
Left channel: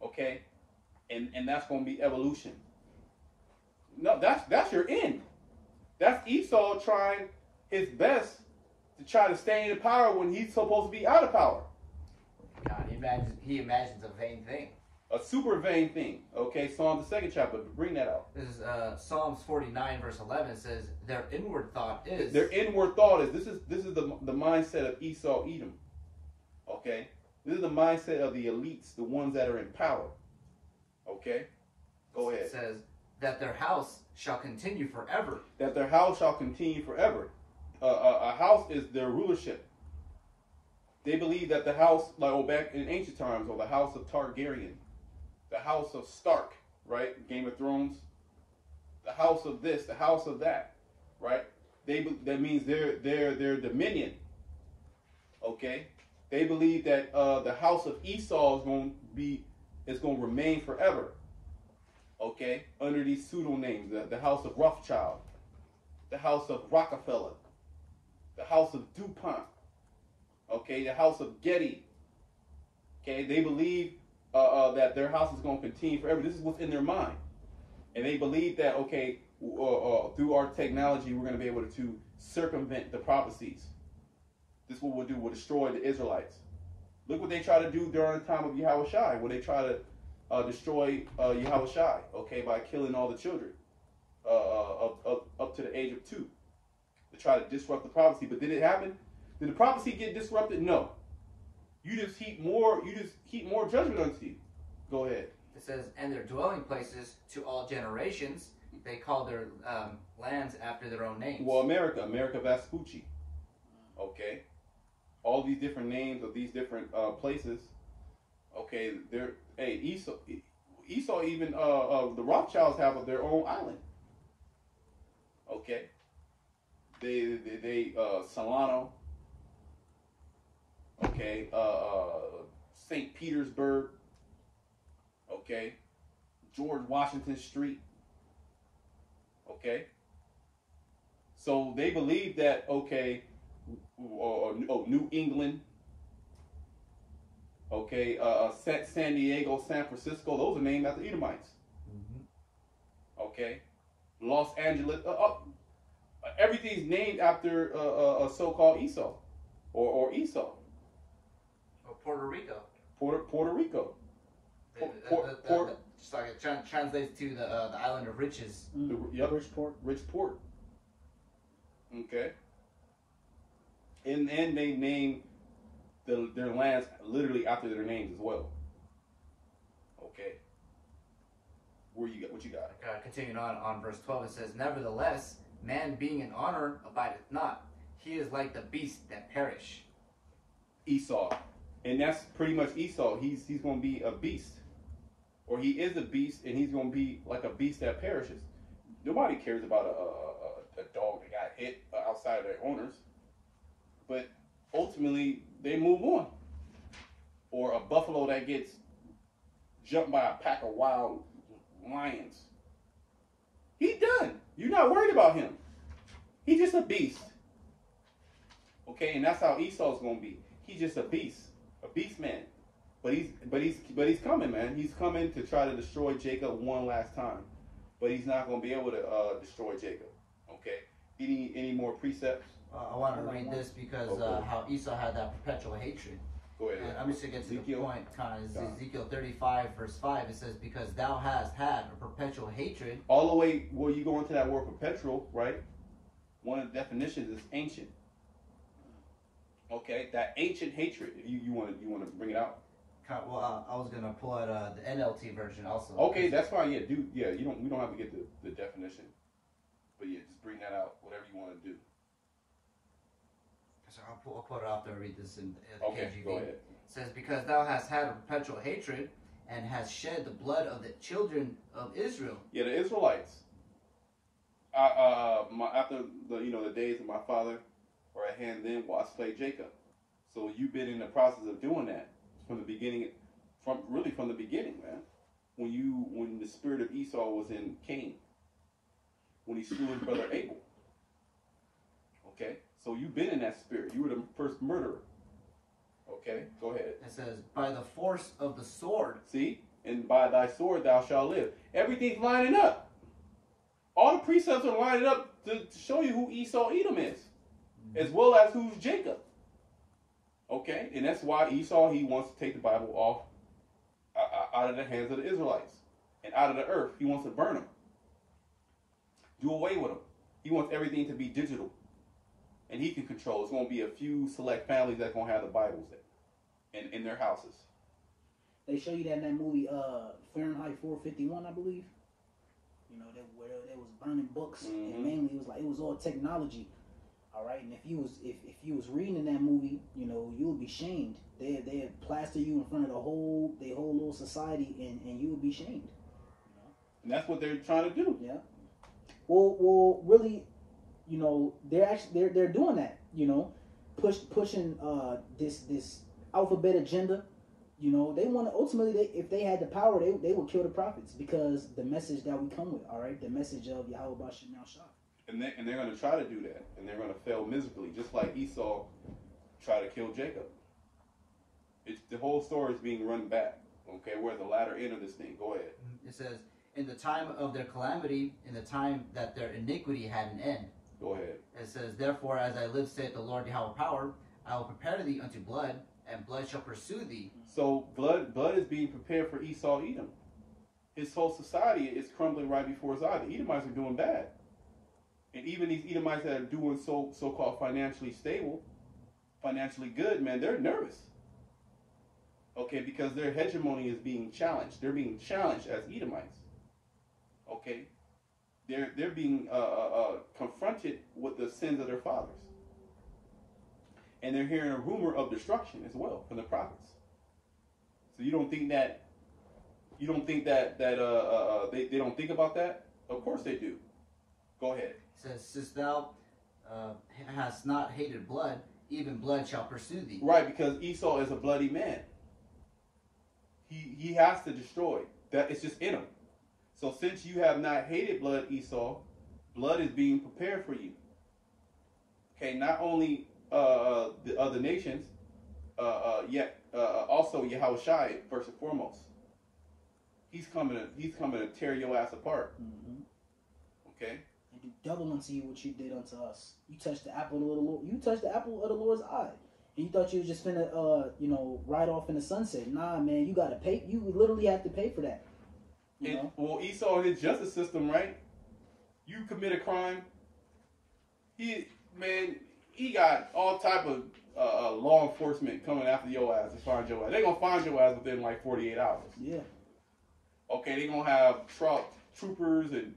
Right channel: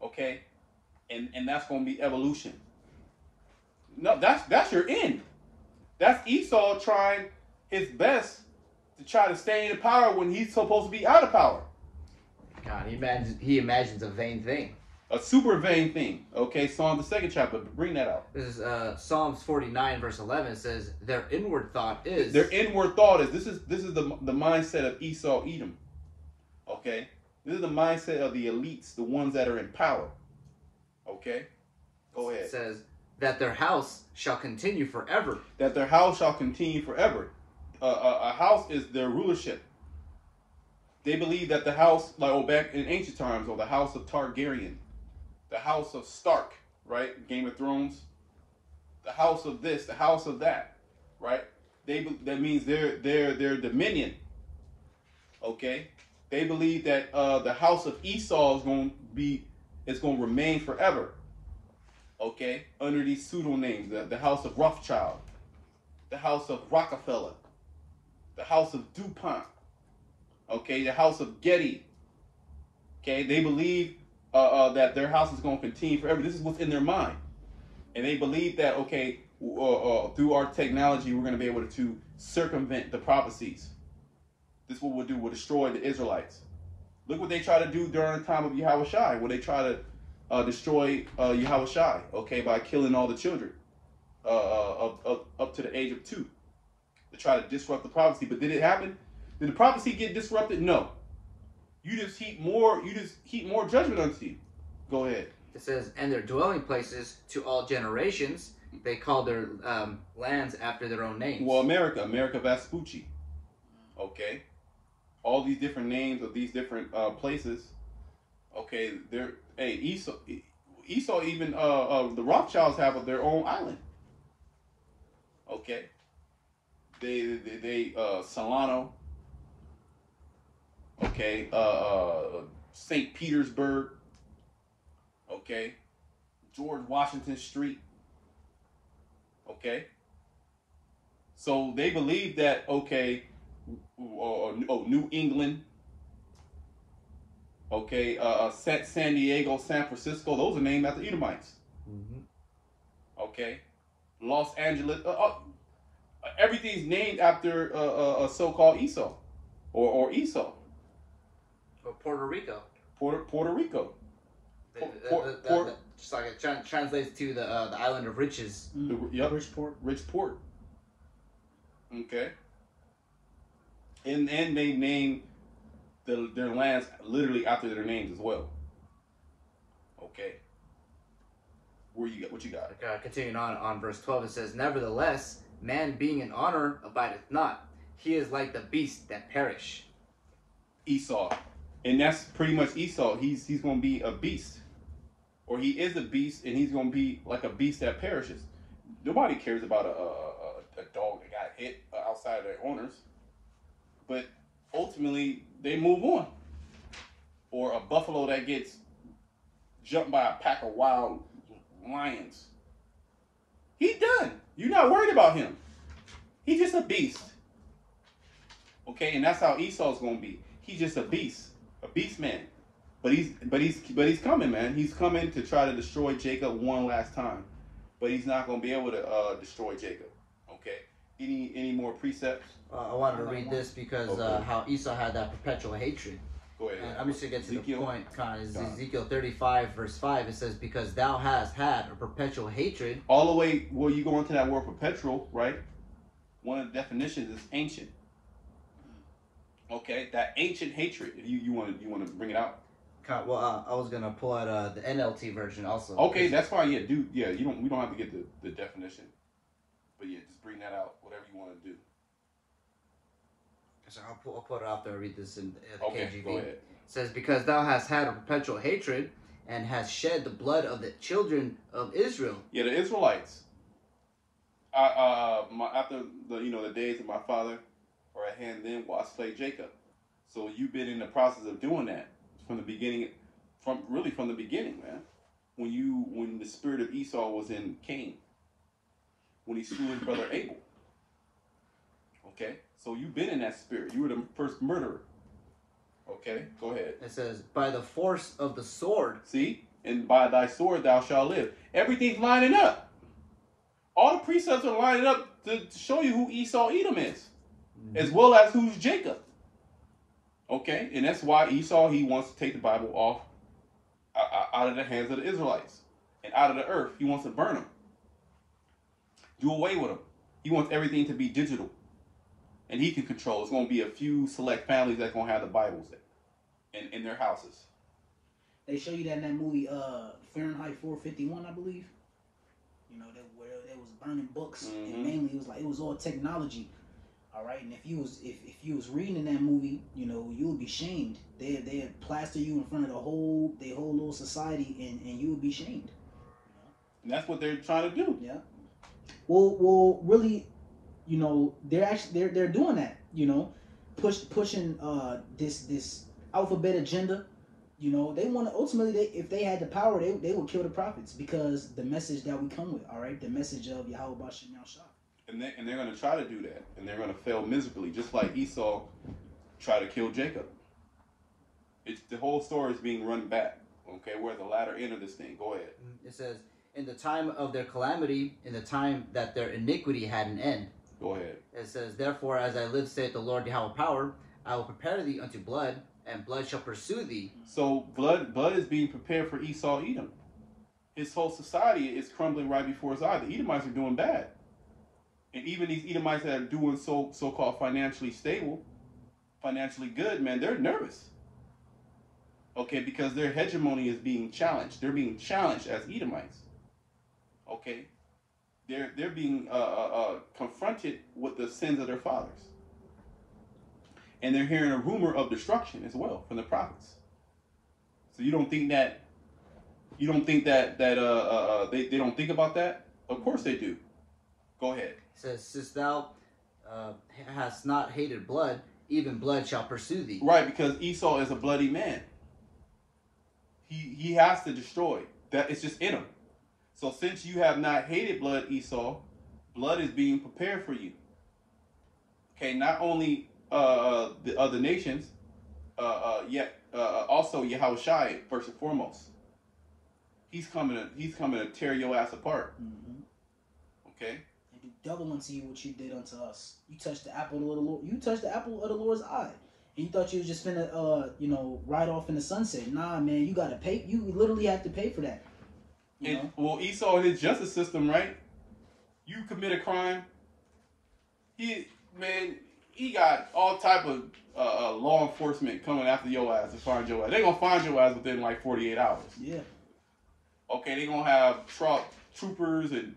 okay, and that's going to be evolution. No, that's your end. That's Esau trying his best to try to stay in power when he's supposed to be out of power. God, he imagines a vain thing. A super vain thing. Okay, Psalm the 2nd chapter. Bring that out. This is Psalms 49 verse 11. It says, their inward thought is. Their inward thought is. This is the mindset of Esau, Edom. Okay, this is the mindset of the elites, the ones that are in power. Okay, go ahead. It says that their house shall continue forever. That their house shall continue forever. A house is their rulership. They believe that the house, like back in ancient times, or the house of Targaryen, the house of Stark, right? Game of Thrones. The house of this, the house of that, right? That means their dominion. Okay, they believe that the house of Esau is going to remain forever. Okay, under these pseudo names, the house of Rothschild, the house of Rockefeller, the house of DuPont. Okay, the house of Getty. Okay, they believe that their house is going to continue forever. This is what's in their mind. And they believe that, okay, through our technology, we're going to be able to circumvent the prophecies. This is what we'll do. We'll destroy the Israelites. Look what they try to do during the time of Yahushua, where they try to destroy Yahushua, okay, by killing all the children up to the age of 2. To try to disrupt the prophecy. But did it happen? Did the prophecy get disrupted? No. You just heap more judgment unto you. Go ahead. It says, and their dwelling places to all generations, they call their lands after their own names. Well, America Vespucci. Okay. All these different names of these different places. Okay, Esau even the Rothschilds have their own island. Okay. They Solano. Okay, St. Petersburg. Okay, George Washington Street. Okay, so they believe that, okay, New England. Okay, San Diego, San Francisco. Those are named after Edomites. Mm-hmm. Okay, Los Angeles. Everything's named after a so-called Esau, or Esau. Puerto Rico. Puerto Rico. Just like it translates to the island of riches. Yep. Rich port. Okay. And they name their lands literally after their names as well. Okay. What you got? Continuing on verse 12, it says, nevertheless, man being in honor abideth not. He is like the beast that perish. Esau. And that's pretty much Esau. He's going to be a beast. Or he is a beast, and he's going to be like a beast that perishes. Nobody cares about a dog that got hit outside of their owners. But ultimately, they move on. Or a buffalo that gets jumped by a pack of wild lions. He's done. You're not worried about him. He's just a beast. Okay, and that's how Esau's going to be. He's just a beast. A beast man. But he's coming, man. He's coming to try to destroy Jacob one last time. But he's not going to be able to destroy Jacob. Okay? Any more precepts? I wanted to read this because how Esau had that perpetual hatred. Go ahead. I'm just going to get to the point. Ezekiel 35 verse 5. It says, because thou hast had a perpetual hatred. All the way where you go into that word perpetual, right? One of the definitions is ancient. Okay, that ancient hatred. You want to bring it out? Well, I was gonna pull out the NLT version also. Okay, that's fine. Yeah, we don't have to get the definition, but yeah, just bring that out. Whatever you want to do. So I'll pull it off there and read this in the okay, KJV. Go ahead. It says, because thou hast had a perpetual hatred and hast shed the blood of the children of Israel. Yeah, the Israelites. After the days of my father were at hand, then will I slay Jacob. So you've been in the process of doing that from the beginning, from the beginning, man. When the spirit of Esau was in Cain, when he slew his brother Abel. Okay, so you've been in that spirit. You were the first murderer. Okay, go ahead. It says, by the force of the sword. See, and by thy sword thou shalt live. Everything's lining up. All the precepts are lining up to show you who Esau Edom is. as well as who's Jacob. Okay, and that's why Esau, he wants to take the Bible off out of the hands of the Israelites and out of the earth. He wants to burn them, do away with them. He wants everything to be digital, and he can control. It's going to be a few select families that's going to have the Bibles in their houses. They show you that in that movie, Fahrenheit 451, I believe. You know, where they was burning books, and mainly it was all technology. All right, and if you was reading in that movie, you know, you would be shamed. They'd plaster you in front of their whole little society, and you would be shamed. You know? And that's what they're trying to do. Yeah. Well, really, you know, they're doing that. You know, pushing this alphabet agenda. You know, they want to ultimately, if they had the power, they would kill the prophets, because the message that we come with, all right, the message of Yahweh Bashim Shah. And they're going to try to do that, and they're going to fail miserably, just like Esau tried to kill Jacob. The whole story is being run back. Okay, we're at the latter end of this thing. Go ahead. It says, in the time of their calamity, in the time that their iniquity had an end. Go ahead. It says, therefore, as I live, saith the Lord Yahweh power, I will prepare thee unto blood, and blood shall pursue thee. So blood is being prepared for Esau, Edom. His whole society is crumbling right before his eyes. The Edomites are doing bad. And even these Edomites that are doing so-called financially stable, financially good, man, they're nervous. Okay, because their hegemony is being challenged. They're being challenged as Edomites. Okay, they're being confronted with the sins of their fathers, and they're hearing a rumor of destruction as well from the prophets. So you don't think that they don't think about that? Of course they do. Go ahead. It says, since thou hast not hated blood, even blood shall pursue thee. Right, because Esau is a bloody man. He has to destroy. That it's just in him. So since you have not hated blood, Esau, blood is being prepared for you. Okay, not only the other nations, yet also Yahushua first and foremost. He's coming to tear your ass apart. Okay. They do double unto you what you did unto us. You touched the apple of the Lord. You touched the apple of the Lord's eye. And you thought you was just finna, ride off in the sunset. Nah, man, you gotta pay. You literally have to pay for that. Well, Esau, his justice system, right? You commit a crime, he got all type of law enforcement coming after your ass to find your ass. They're gonna find your ass within like 48 hours. Yeah. Okay, they're gonna have troopers and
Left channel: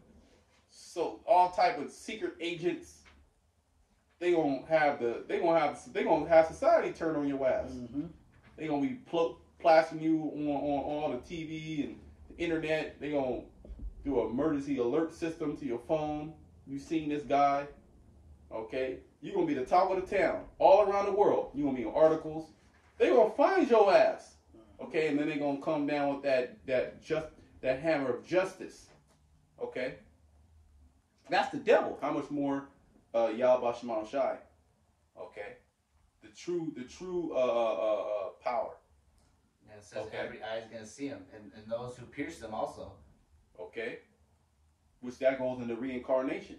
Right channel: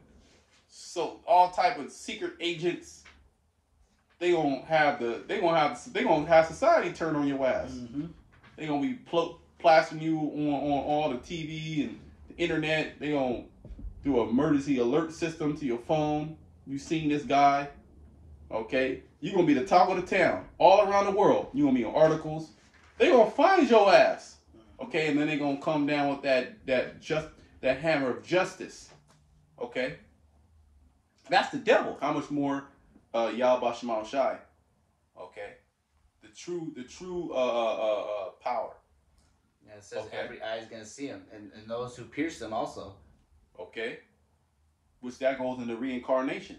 so all type of secret agents. They're gonna have society turn on your ass. They're gonna be plastering you on all the TV and the internet. They're gonna do an emergency alert system to your phone. You seen this guy? Okay, you're gonna be the talk of the town all around the world. You're gonna be on articles. They're gonna find your ass. Okay, and then they're gonna come down with that hammer of justice. Okay, that's the devil. How much more Yahweh Shema Shai? Okay, the true power. And it says every eye is gonna see him, and those who pierce them also. Okay, which that goes into reincarnation.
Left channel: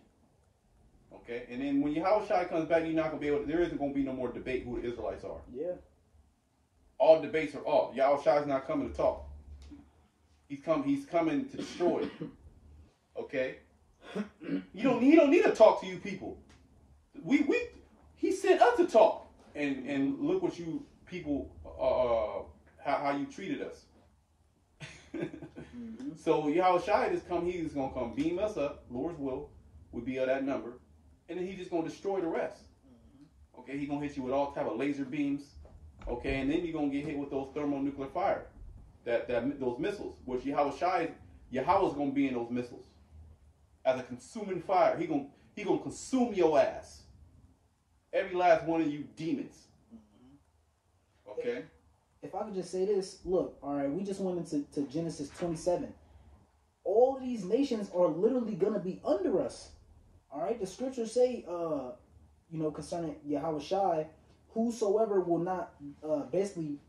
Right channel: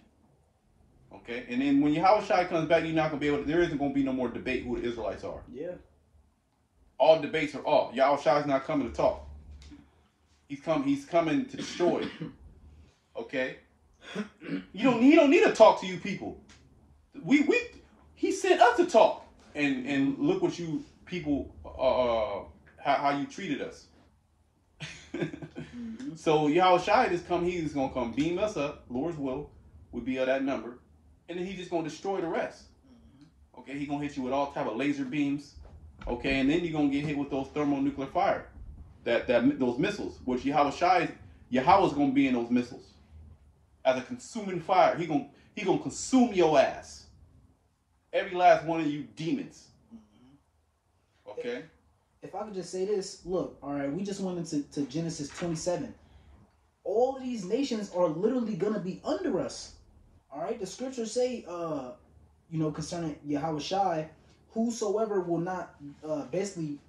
Okay, and then when Yahweh comes back, you're not gonna be able to. There isn't gonna be no more debate who the Israelites are. Yeah. All debates are off. Yahweh is not coming to talk. He's coming to destroy. Okay. He don't need to talk to you people. He sent us to talk, and look what you people how you treated us. So Yahweh just come. He's gonna come beam us up. Lord's will would be of that number, and then he's just gonna destroy the rest. Okay, he's gonna hit you with all type of laser beams. Okay, and then you're gonna get hit with those thermonuclear fire, those missiles, which Yahweh's gonna be in those missiles as a consuming fire. He gonna consume your ass. Every last one of you demons. Okay. If I could just say this, look, all right, we just went into Genesis 27. All of these nations are literally gonna be under us. All right, the scriptures say, concerning Yahweh, whosoever will not basically,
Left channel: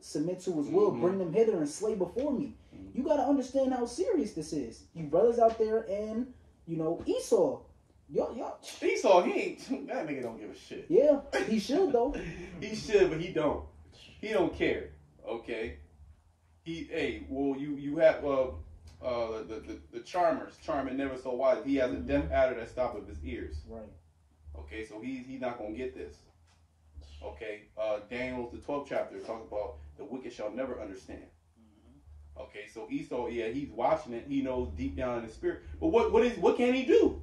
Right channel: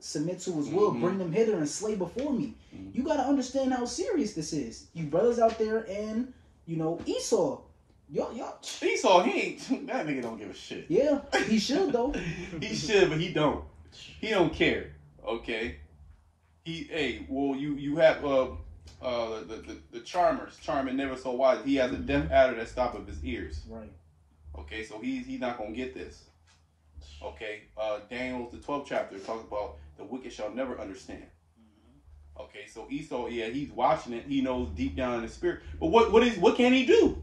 submit to his will, bring them hither and slay before me. You got to understand how serious this is. You brothers out there and, Esau, Y'all. Esau, he ain't. That nigga don't give a shit. Yeah, he should though. He should, but he don't. He don't care. Okay. Well, you have the charmers, charming never so wise. He has a deaf adder that stops up his ears. Right. Okay, so he's not gonna get this. Okay. Daniel, the 12th chapter, talks about the wicked shall never understand. Okay, so Esau, yeah, he's watching it. He knows deep down in the spirit. But what can he do?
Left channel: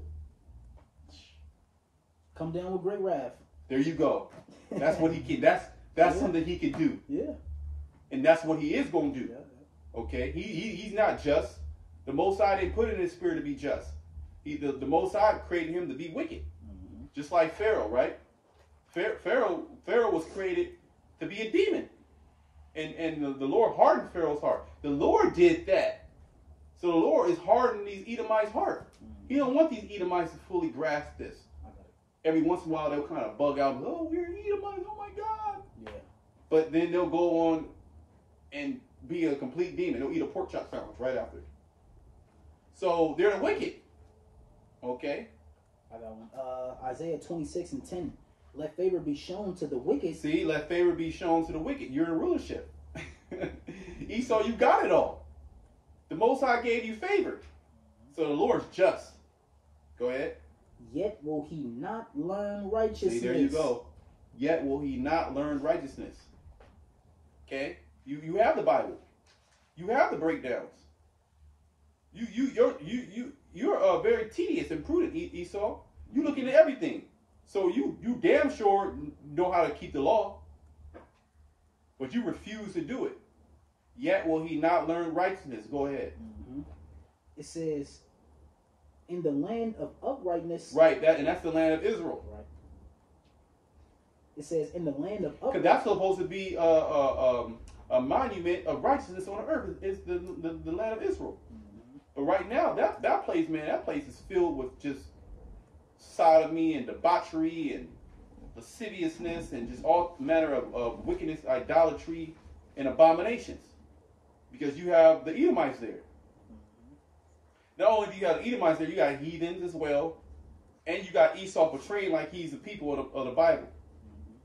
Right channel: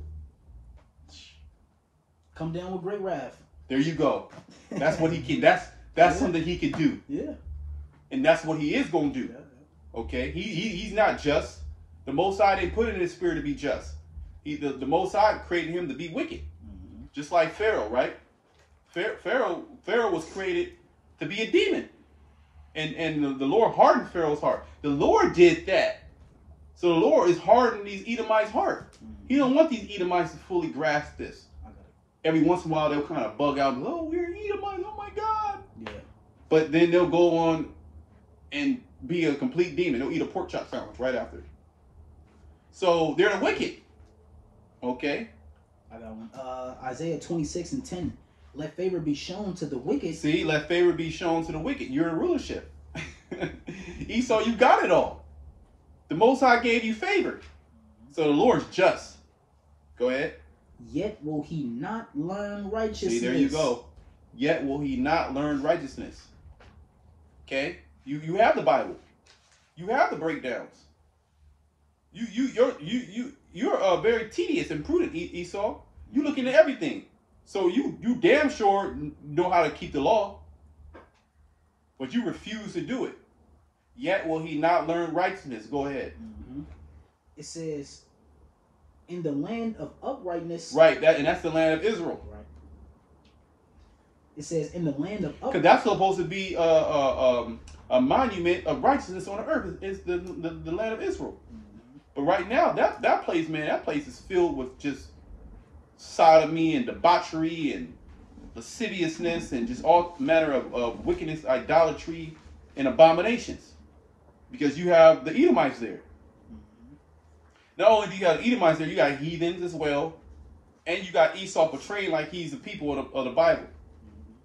Come down with great wrath. There you go. That's what he can. That's something he can do. Yeah. And that's what he is going to do. Okay? He's not just. The Most High didn't put it in his spirit to be just. The Most High created him to be wicked. Just like Pharaoh, right? Pharaoh was created to be a demon. And the Lord hardened Pharaoh's heart. The Lord did that. So the Lord is hardening these Edomites' heart. He don't want these Edomites to fully grasp this. Every once in a while they'll kind of bug out. Oh, we're Edomites. Oh my God. Yeah. But then they'll go on and be a complete demon. They'll eat a pork chop sandwich right after. So they're the wicked. Okay. I got one. Isaiah 26:10. Let favor be shown to the wicked. See, let favor be shown to the wicked. You're in rulership. Esau, you got it all. The Most High gave you favor. So the Lord's just. Go ahead. Yet will he not learn righteousness. See, there you go. Yet will he not learn righteousness. Okay? You have the Bible. You have the breakdowns. You're very tedious and prudent, Esau. You look into everything. So you damn sure know how to keep the law. But you refuse to do it. Yet will he not learn righteousness. Go ahead. It says, in the land of uprightness. Right, that's the land of Israel. Right. It says, in the land of uprightness. Because that's supposed to be a monument of righteousness on the earth. It's the land of Israel. But right now, that place, man, that place is filled with just sodomy and debauchery and lasciviousness and just all manner of wickedness, idolatry, and abominations. Because you have the Edomites there. Not only do you have Edomites there, you got heathens as well. And you got Esau portraying like he's the people of the Bible.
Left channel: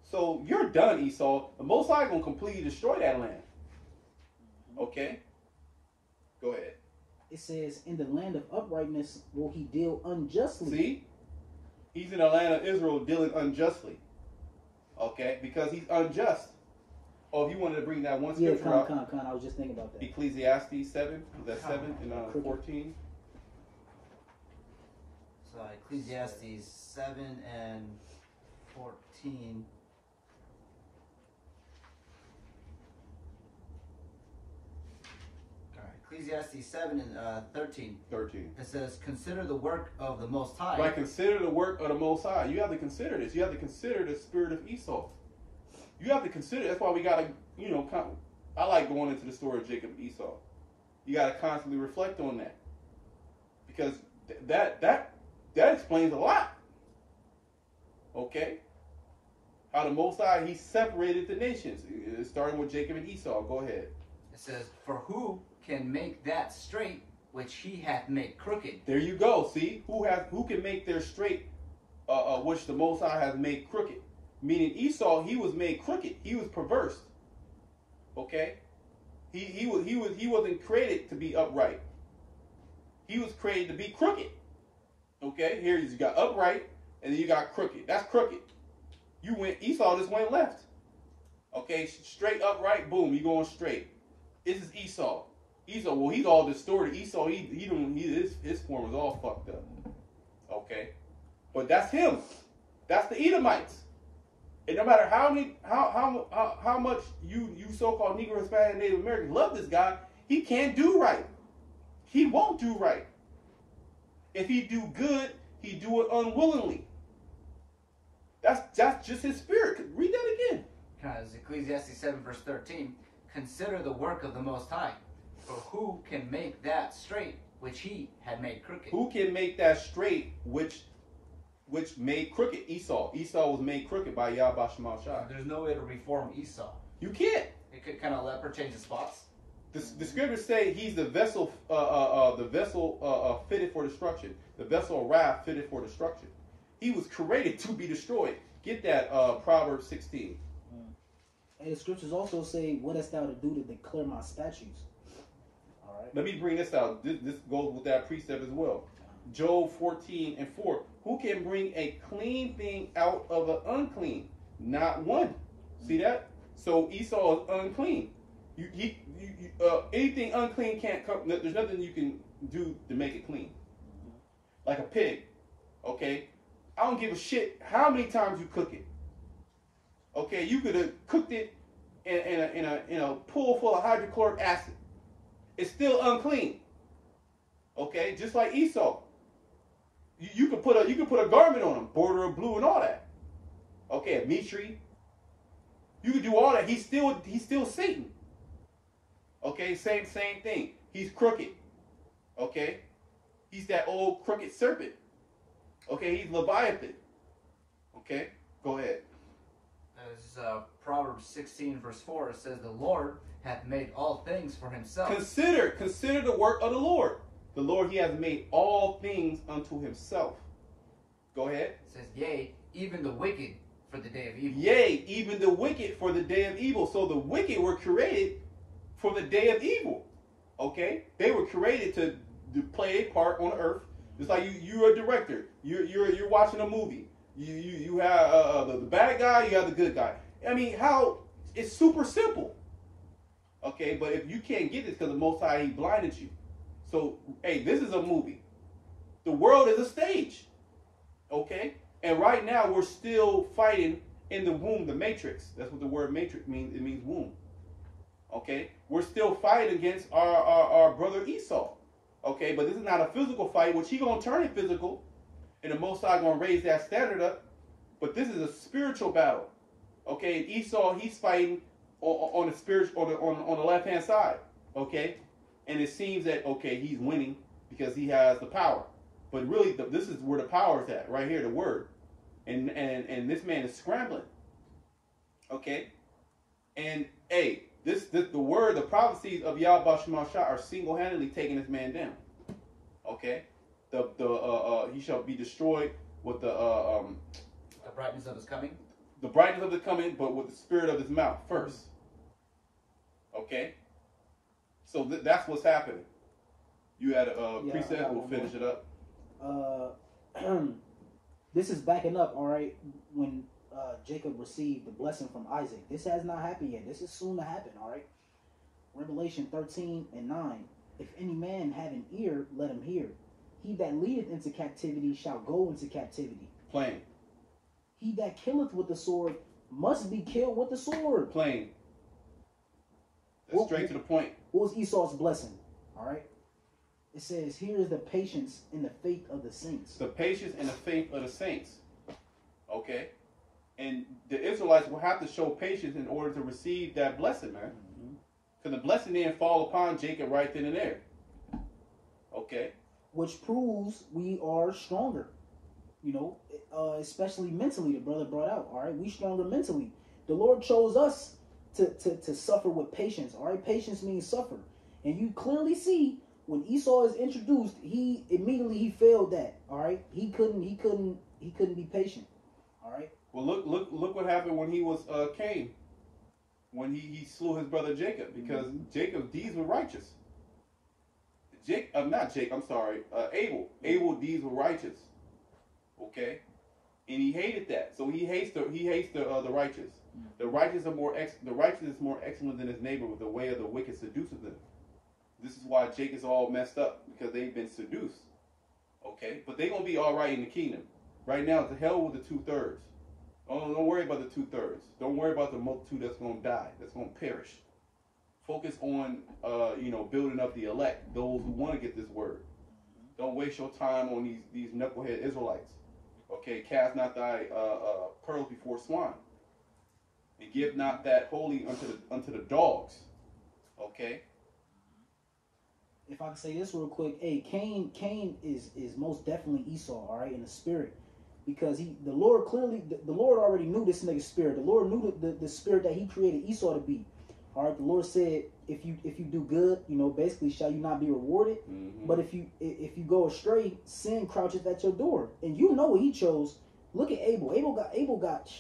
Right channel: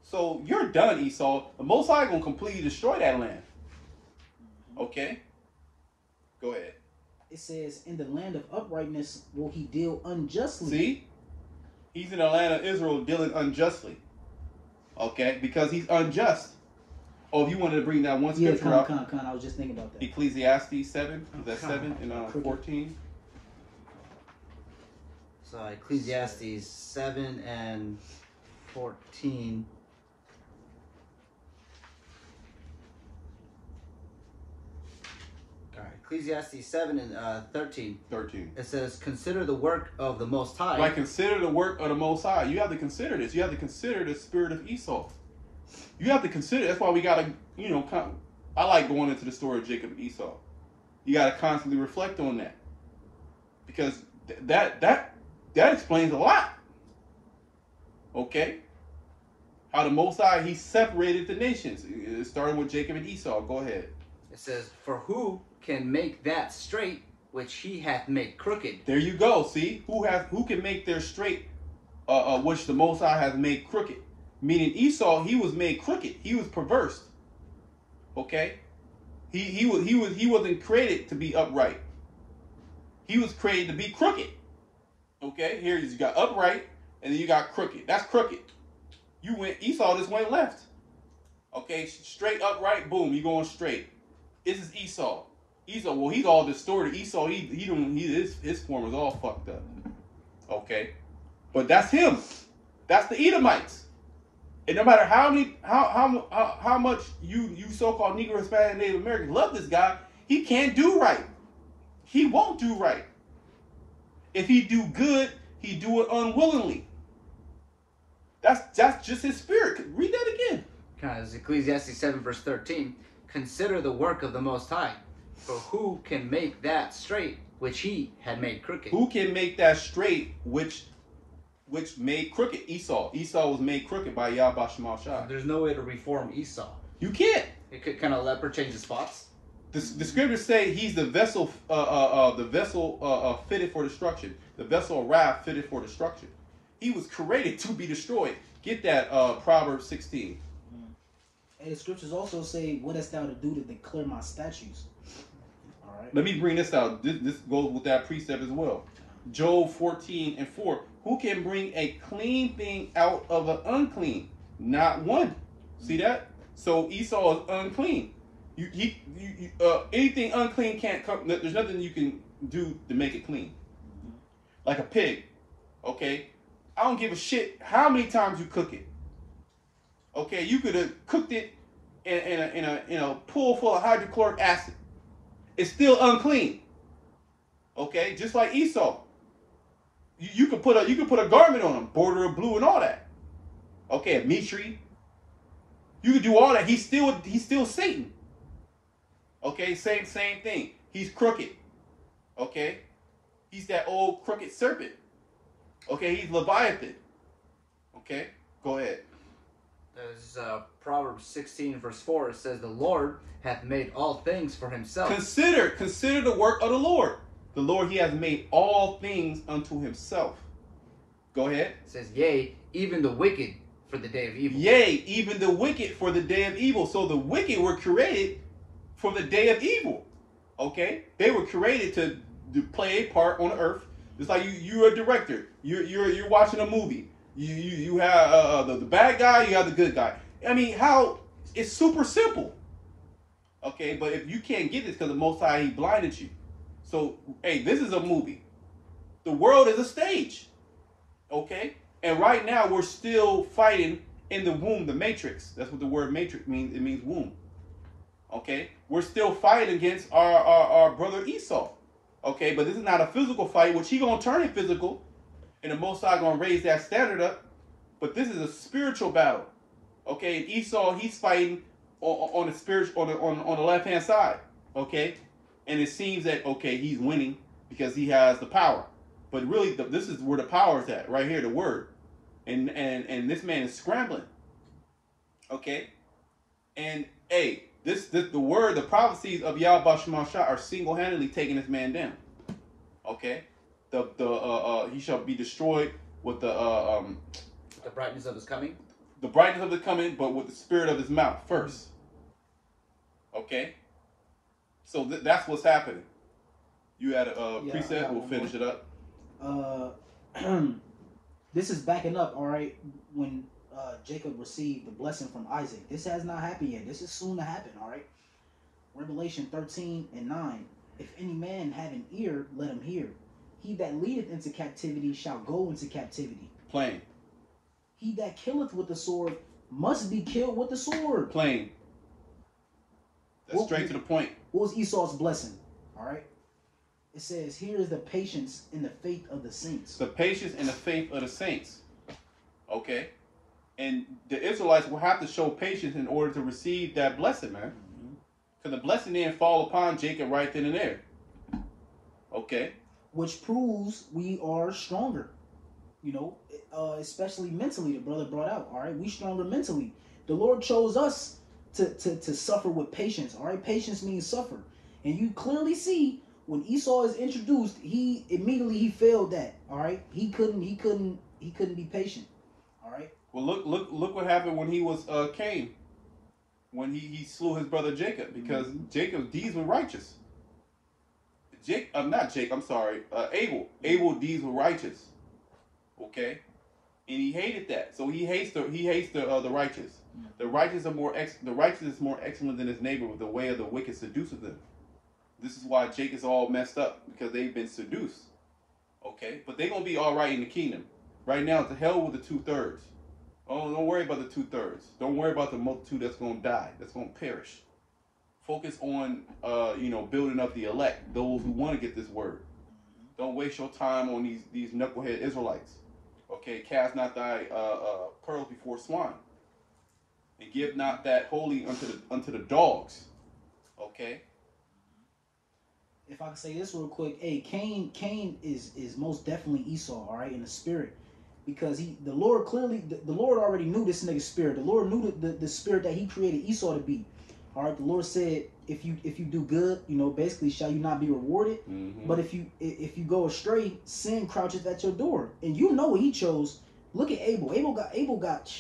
So you're done, Esau. The Most High going to completely destroy that land. Okay? Go ahead. It says, in the land of uprightness will he deal unjustly. See? He's in the land of Israel dealing unjustly. Okay? Because he's unjust. Oh, if you wanted to bring that one scripture up. I was just thinking about that. Ecclesiastes 7. Is that 7 and 14? So Ecclesiastes 7 and 14. All right, Ecclesiastes 7 and 13. 13. It says, consider the work of the Most High. Like, consider the work of the Most High. You have to consider this. You have to consider the spirit of Esau. You have to consider. That's why we got to, I like going into the story of Jacob and Esau. You got to constantly reflect on that. Because that explains a lot. Okay? How the Most High, he separated the nations. It started with Jacob and Esau. Go ahead. It says, for who can make that straight which he hath made crooked? There you go. See? Who can make their straight which the Most High has made crooked? Meaning Esau, he was made crooked. He was perverse. Okay? He wasn't created to be upright. He was created to be crooked. Okay? Here you got upright and then you got crooked. That's crooked. Esau just went left. Okay? Straight upright, boom, you going straight. This is Esau. Esau, well, he's all distorted. Esau, his form is all fucked up. Okay? But that's him. That's the Edomites. And no matter how much you so-called Negro, Hispanic, Native Americans love this guy, he can't do right. He won't do right. If he do good, he do it unwillingly. That's just his spirit. Read that again. Because Ecclesiastes 7 verse 13, consider the work of the Most High, for who can make that straight which he had made crooked? Who can make that straight which made crooked? Esau. Esau was made crooked by Yahweh Shemal Shai. There's no way to reform Esau. You can't. It could kind of leper change the spots. The scriptures say he's the vessel fitted for destruction. The vessel of wrath fitted for destruction. He was created to be destroyed. Get that, Proverbs 16. And the scriptures also say, what hast thou to do to declare my statutes? All right. Let me bring this out. This goes with that precept as well. Job 14:4. Who can bring a clean thing out of an unclean? Not one. See that? So Esau is unclean. Anything unclean can't come. There's nothing you can do to make it clean. Like a pig. Okay? I don't give a shit how many times you cook it. Okay? You could have cooked it in a pool full of hydrochloric acid. It's still unclean. Okay? Just like Esau. You could put a garment on him, border of blue and all that. Okay, a meat tree. You could do all that. He's still Satan. Okay, same thing. He's crooked. Okay, he's that old crooked serpent. Okay, he's Leviathan. Okay, go ahead. There's Proverbs 16:4. It says, "The Lord hath made all things for himself." Consider the work of the Lord. The Lord, he has made all things unto himself. Go ahead. It says, "Yea, even the wicked for the day of evil." Yea, even the wicked for the day of evil. So the wicked were created for the day of evil. Okay? They were created to play a part on earth. It's like you're a director. You're watching a movie. You have the bad guy, you have the good guy. I mean, it's super simple. Okay, but if you can't get this because the Most High, he blinded you. So, hey, this is a movie. The world is a stage. Okay? And right now, we're still fighting in the womb, the matrix. That's what the word matrix means. It means womb. Okay? We're still fighting against our brother Esau. Okay? But this is not a physical fight, which he going to turn it physical. And the Most High going to raise that standard up. But this is a spiritual battle. Okay? And Esau, he's fighting on the spiritual, on the left-hand side. Okay? And it seems that, okay, he's winning because he has the power. But really, this is where the power is at, right here, the word. And this man is scrambling. Okay? And, hey, the word, the prophecies of Yahweh Shemashah are single-handedly taking this man down. Okay? He shall be destroyed with the brightness of his coming. The brightness of his coming, but with the spirit of his mouth first. Okay? So that's what's happening. You had a precept. We'll finish it up. This is backing up, all right, when Jacob received the blessing from Isaac. This has not happened yet. This is soon to happen, all right? Revelation 13:9. If any man have an ear, let him hear. He that leadeth into captivity shall go into captivity. Plain. He that killeth with the sword must be killed with the sword. Plain. That's straight to the point. What was Esau's blessing? All right. It says, here is the patience and the faith of the saints. The patience and the faith of the saints. Okay. And the Israelites will have to show patience in order to receive that blessing, man. Because the blessing didn't fall upon Jacob right then and there. Okay. Which proves we are stronger. You know, especially mentally, the brother brought out. All right. We stronger mentally. The Lord chose us to suffer with patience. All right. Patience means suffer. And you clearly see when Esau is introduced, he immediately failed that. All right. He couldn't be patient. All right. Well, look what happened when he was Cain. When he slew his brother Jacob, because Jacob's deeds were righteous. Abel. Abel's deeds were righteous. Okay, and he hated that, so he hates the righteous. The righteous is more excellent than his neighbor, with the way of the wicked seduces them. This is why Jacob's all messed up, because they've been seduced. Okay, but they're gonna be all right in the kingdom. Right now, to hell with the 2/3. Oh, don't worry about the 2/3. Don't worry about the multitude that's gonna die, that's gonna perish. Focus on building up the elect, those who want to get this word. Don't waste your time on these knucklehead Israelites. Okay, cast not thy pearls before swine, and give not that holy unto the dogs. Okay. If I can say this real quick, hey, Cain is most definitely Esau, all right, in the spirit, because the Lord already knew this nigga's spirit. The Lord knew the spirit that he created Esau to be. All right, the Lord said, if you do good, you know, basically, shall you not be rewarded? Mm-hmm. But if you go astray, sin crouches at your door, and you know what he chose. Look at Abel. Abel got,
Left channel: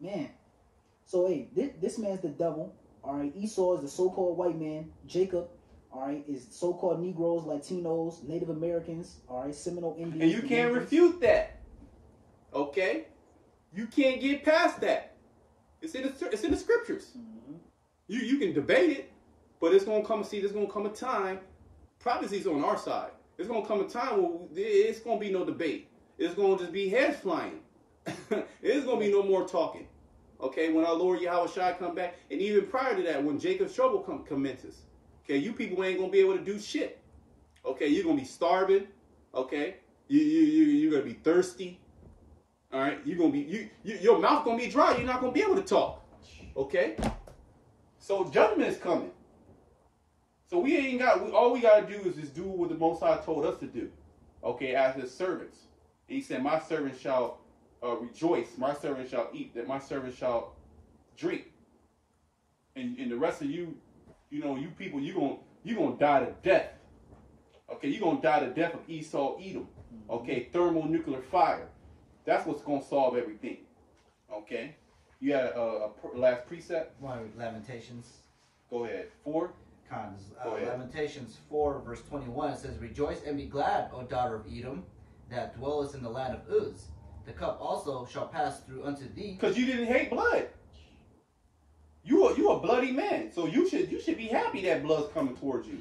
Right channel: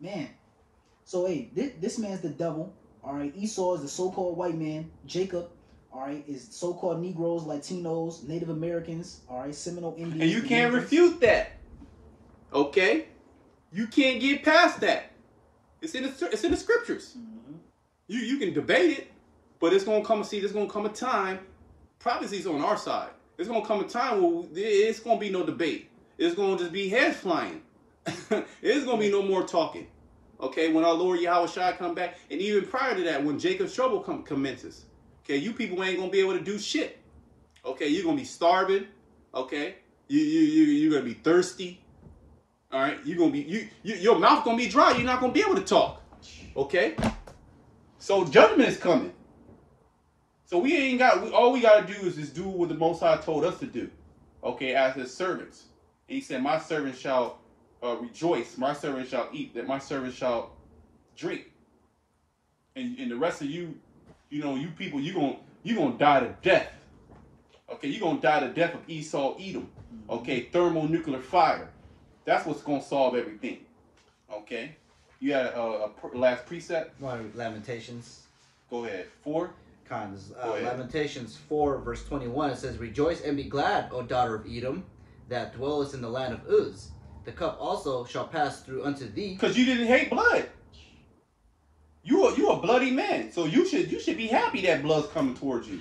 man. So hey, this man's the devil. All right, Esau is the so-called white man. Jacob, all right, is so-called Negroes, Latinos, Native Americans. All right, Seminole Indians. And you can't refute that. Okay, you can't get past that. It's in the scriptures. Mm-hmm. You can debate it, but it's gonna come. See, there's gonna come a time. Prophecy's on our side. There's gonna come a time where it's gonna be no debate. It's gonna just be heads flying. It's gonna be no more talking. Okay, when our Lord Yahweh Shai come back, and even prior to that, when Jacob's trouble commences. Okay, you people ain't gonna be able to do shit. Okay, you're gonna be starving. Okay, you're gonna be thirsty. All right, you're gonna be your mouth gonna be dry. You're not gonna be able to talk. Okay. So judgment is coming. So all we gotta do is just do what the Most High told us to do. Okay, as his servants. And he said, my servants shall rejoice, my servants shall eat, that my servants shall drink. And the rest of you know, you people, you're gonna die to death. Okay, you're gonna die to death of Esau, Edom. Okay, thermonuclear fire. That's what's gonna solve everything. Okay. You had a last precept? Lamentations. Go ahead. 4? Cons. Lamentations 4, verse 21, it says, rejoice and be glad, O daughter of Edom, that dwellest in the land of Uz. The cup also shall pass through unto thee. Because you didn't hate blood. You a bloody man. So you should be happy that blood's coming towards you.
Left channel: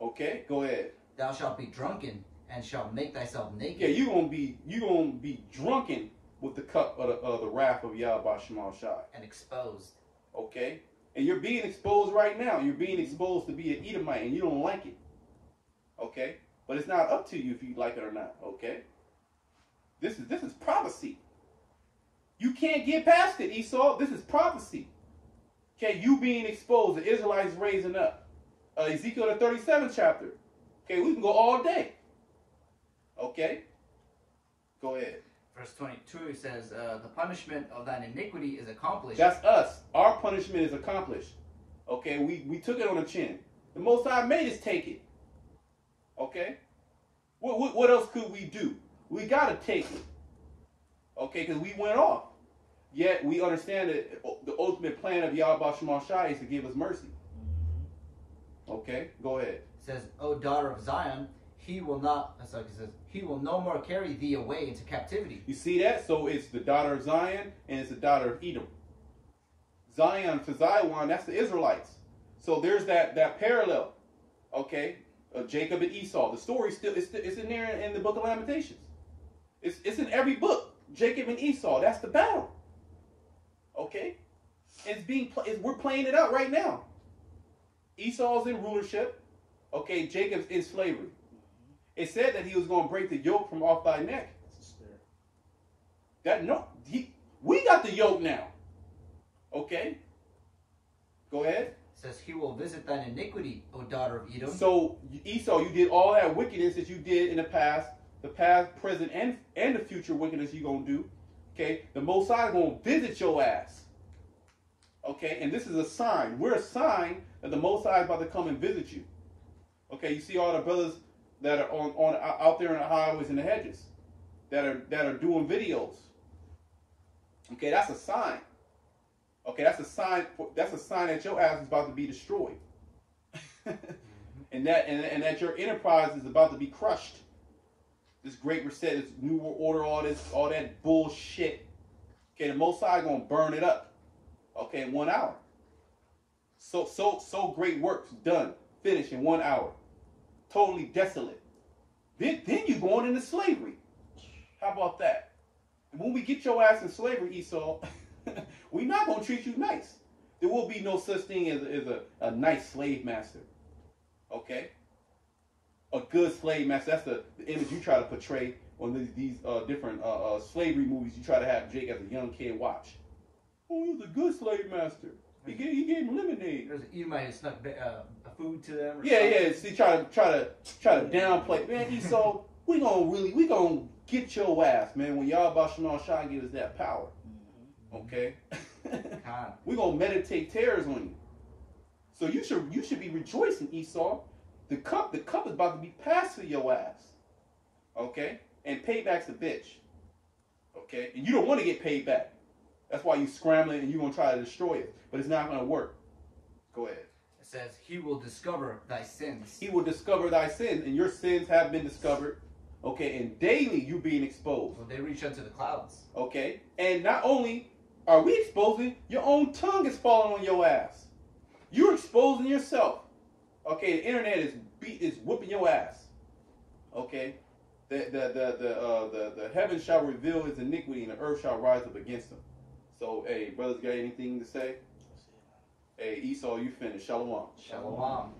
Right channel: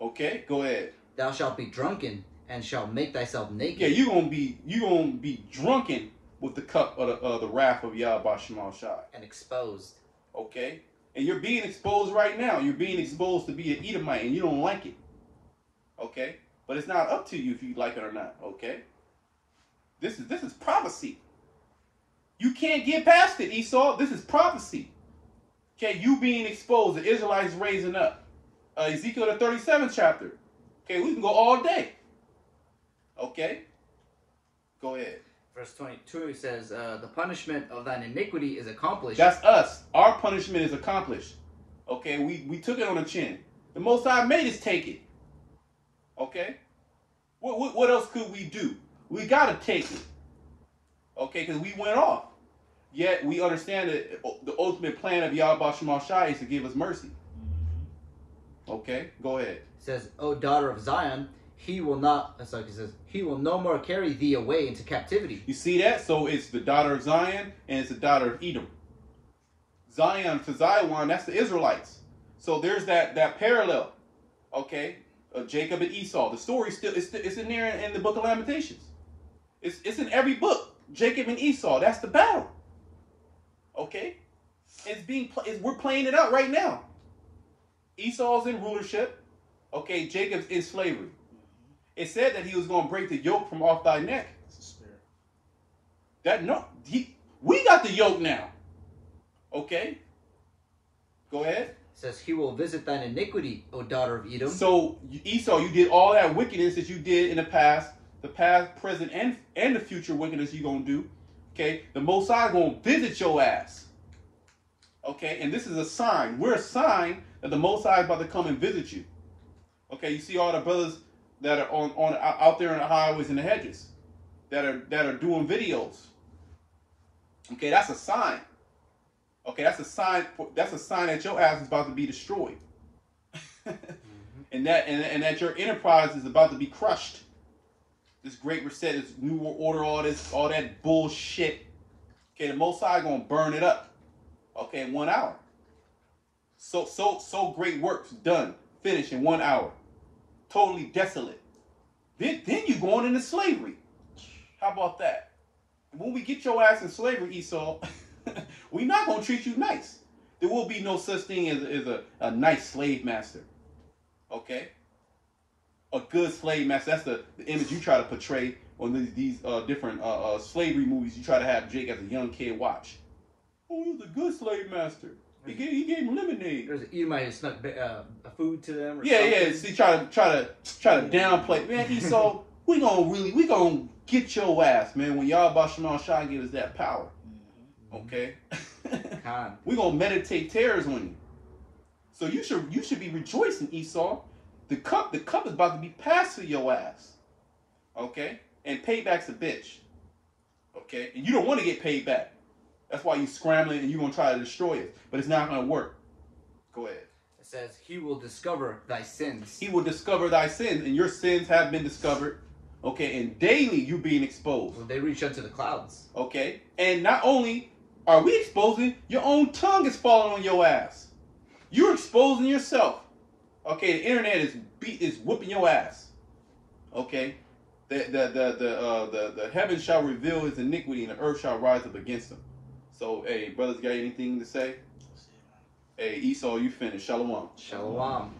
Okay, go ahead. Thou shalt be drunken and shalt make thyself naked. Yeah, you're gonna be drunken with the cup of the wrath of Yahweh Shemal Shai. And exposed. Okay? And you're being exposed right now. You're being exposed to be an Edomite and you don't like it. Okay? But it's not up to you if you like it or not. Okay? This is prophecy. You can't get past it, Esau. This is prophecy. Okay, you being exposed, the Israelites raising up. Ezekiel the 37th chapter. Okay, we can go all day. Okay? Go ahead. Verse 22 says, the punishment of thine iniquity is accomplished. That's us. Our punishment is accomplished. Okay, we took it on the chin. The Most High made us take it. Okay? What else could we do? We got to take it. Okay, because we went off. Yet we understand that the ultimate plan of Yahweh Shemal Shai is to give us mercy. Okay, go ahead. It says, O daughter of Zion, he will not, it says, he will no more carry thee away into captivity. You see that? So it's the daughter of Zion and it's the daughter of Edom. Zion to Zion, that's the Israelites. So there's that parallel. Okay, Jacob and Esau. The story it's in there in the book of Lamentations. It's in every book. Jacob and Esau. That's the battle. Okay, we're playing it out right now. Esau's in rulership. Okay, Jacob's in slavery. It said that he was going to break the yoke from off thy neck. We got the yoke now. Okay, go ahead. It says he will visit thine iniquity, O daughter of Edom. So Esau, you did all that wickedness that you did in the past, present, and the future wickedness you're going to do. Okay, the Most High is going to visit your ass. Okay, and this is a sign. We're a sign that the Most High is about to come and visit you. Okay, you see all the brothers that are out there in the highways and the hedges that are doing videos. Okay, that's a sign. Okay, that's a sign. That's a sign that your ass is about to be destroyed, and that your enterprise is about to be crushed. This great reset, this new world order, all that bullshit. Okay, the Most High gonna burn it up. Okay, in 1 hour. So great works done, finished in 1 hour. Totally desolate. Then you going into slavery. How about that? When we get your ass in slavery, Esau, we're not gonna treat you nice. There will be no such thing as a nice slave master. Okay? A good slave master. That's the image you try to portray on these different slavery movies. You try to have Jake as a young kid watch. Oh, he was a good slave master. He gave him lemonade. There's you might have snuck food to them. Or yeah. See, try to downplay. Man, Esau, we gonna get your ass, man. When Yahweh Shemal Shai give us that power, okay? We gonna meditate terrors on you. So you should be rejoicing, Esau. The cup is about to be passed to your ass. Okay? And payback's a bitch. Okay? And you don't want to get paid back. That's why you're scrambling and you're going to try to destroy it. But it's not going to work. Go ahead. It says, he will discover thy sins. He will discover thy sins, and your sins have been discovered. Okay? And daily you're being exposed. Well, they reach up to the clouds. Okay? And not only are we exposing, your own tongue is falling on your ass. You're exposing yourself. Okay? The internet is whooping your ass. Okay? The heavens shall reveal his iniquity, and the earth shall rise up against him. So, hey, brothers, got anything to say? Hey, Esau, you finished. Shalom. Shalom.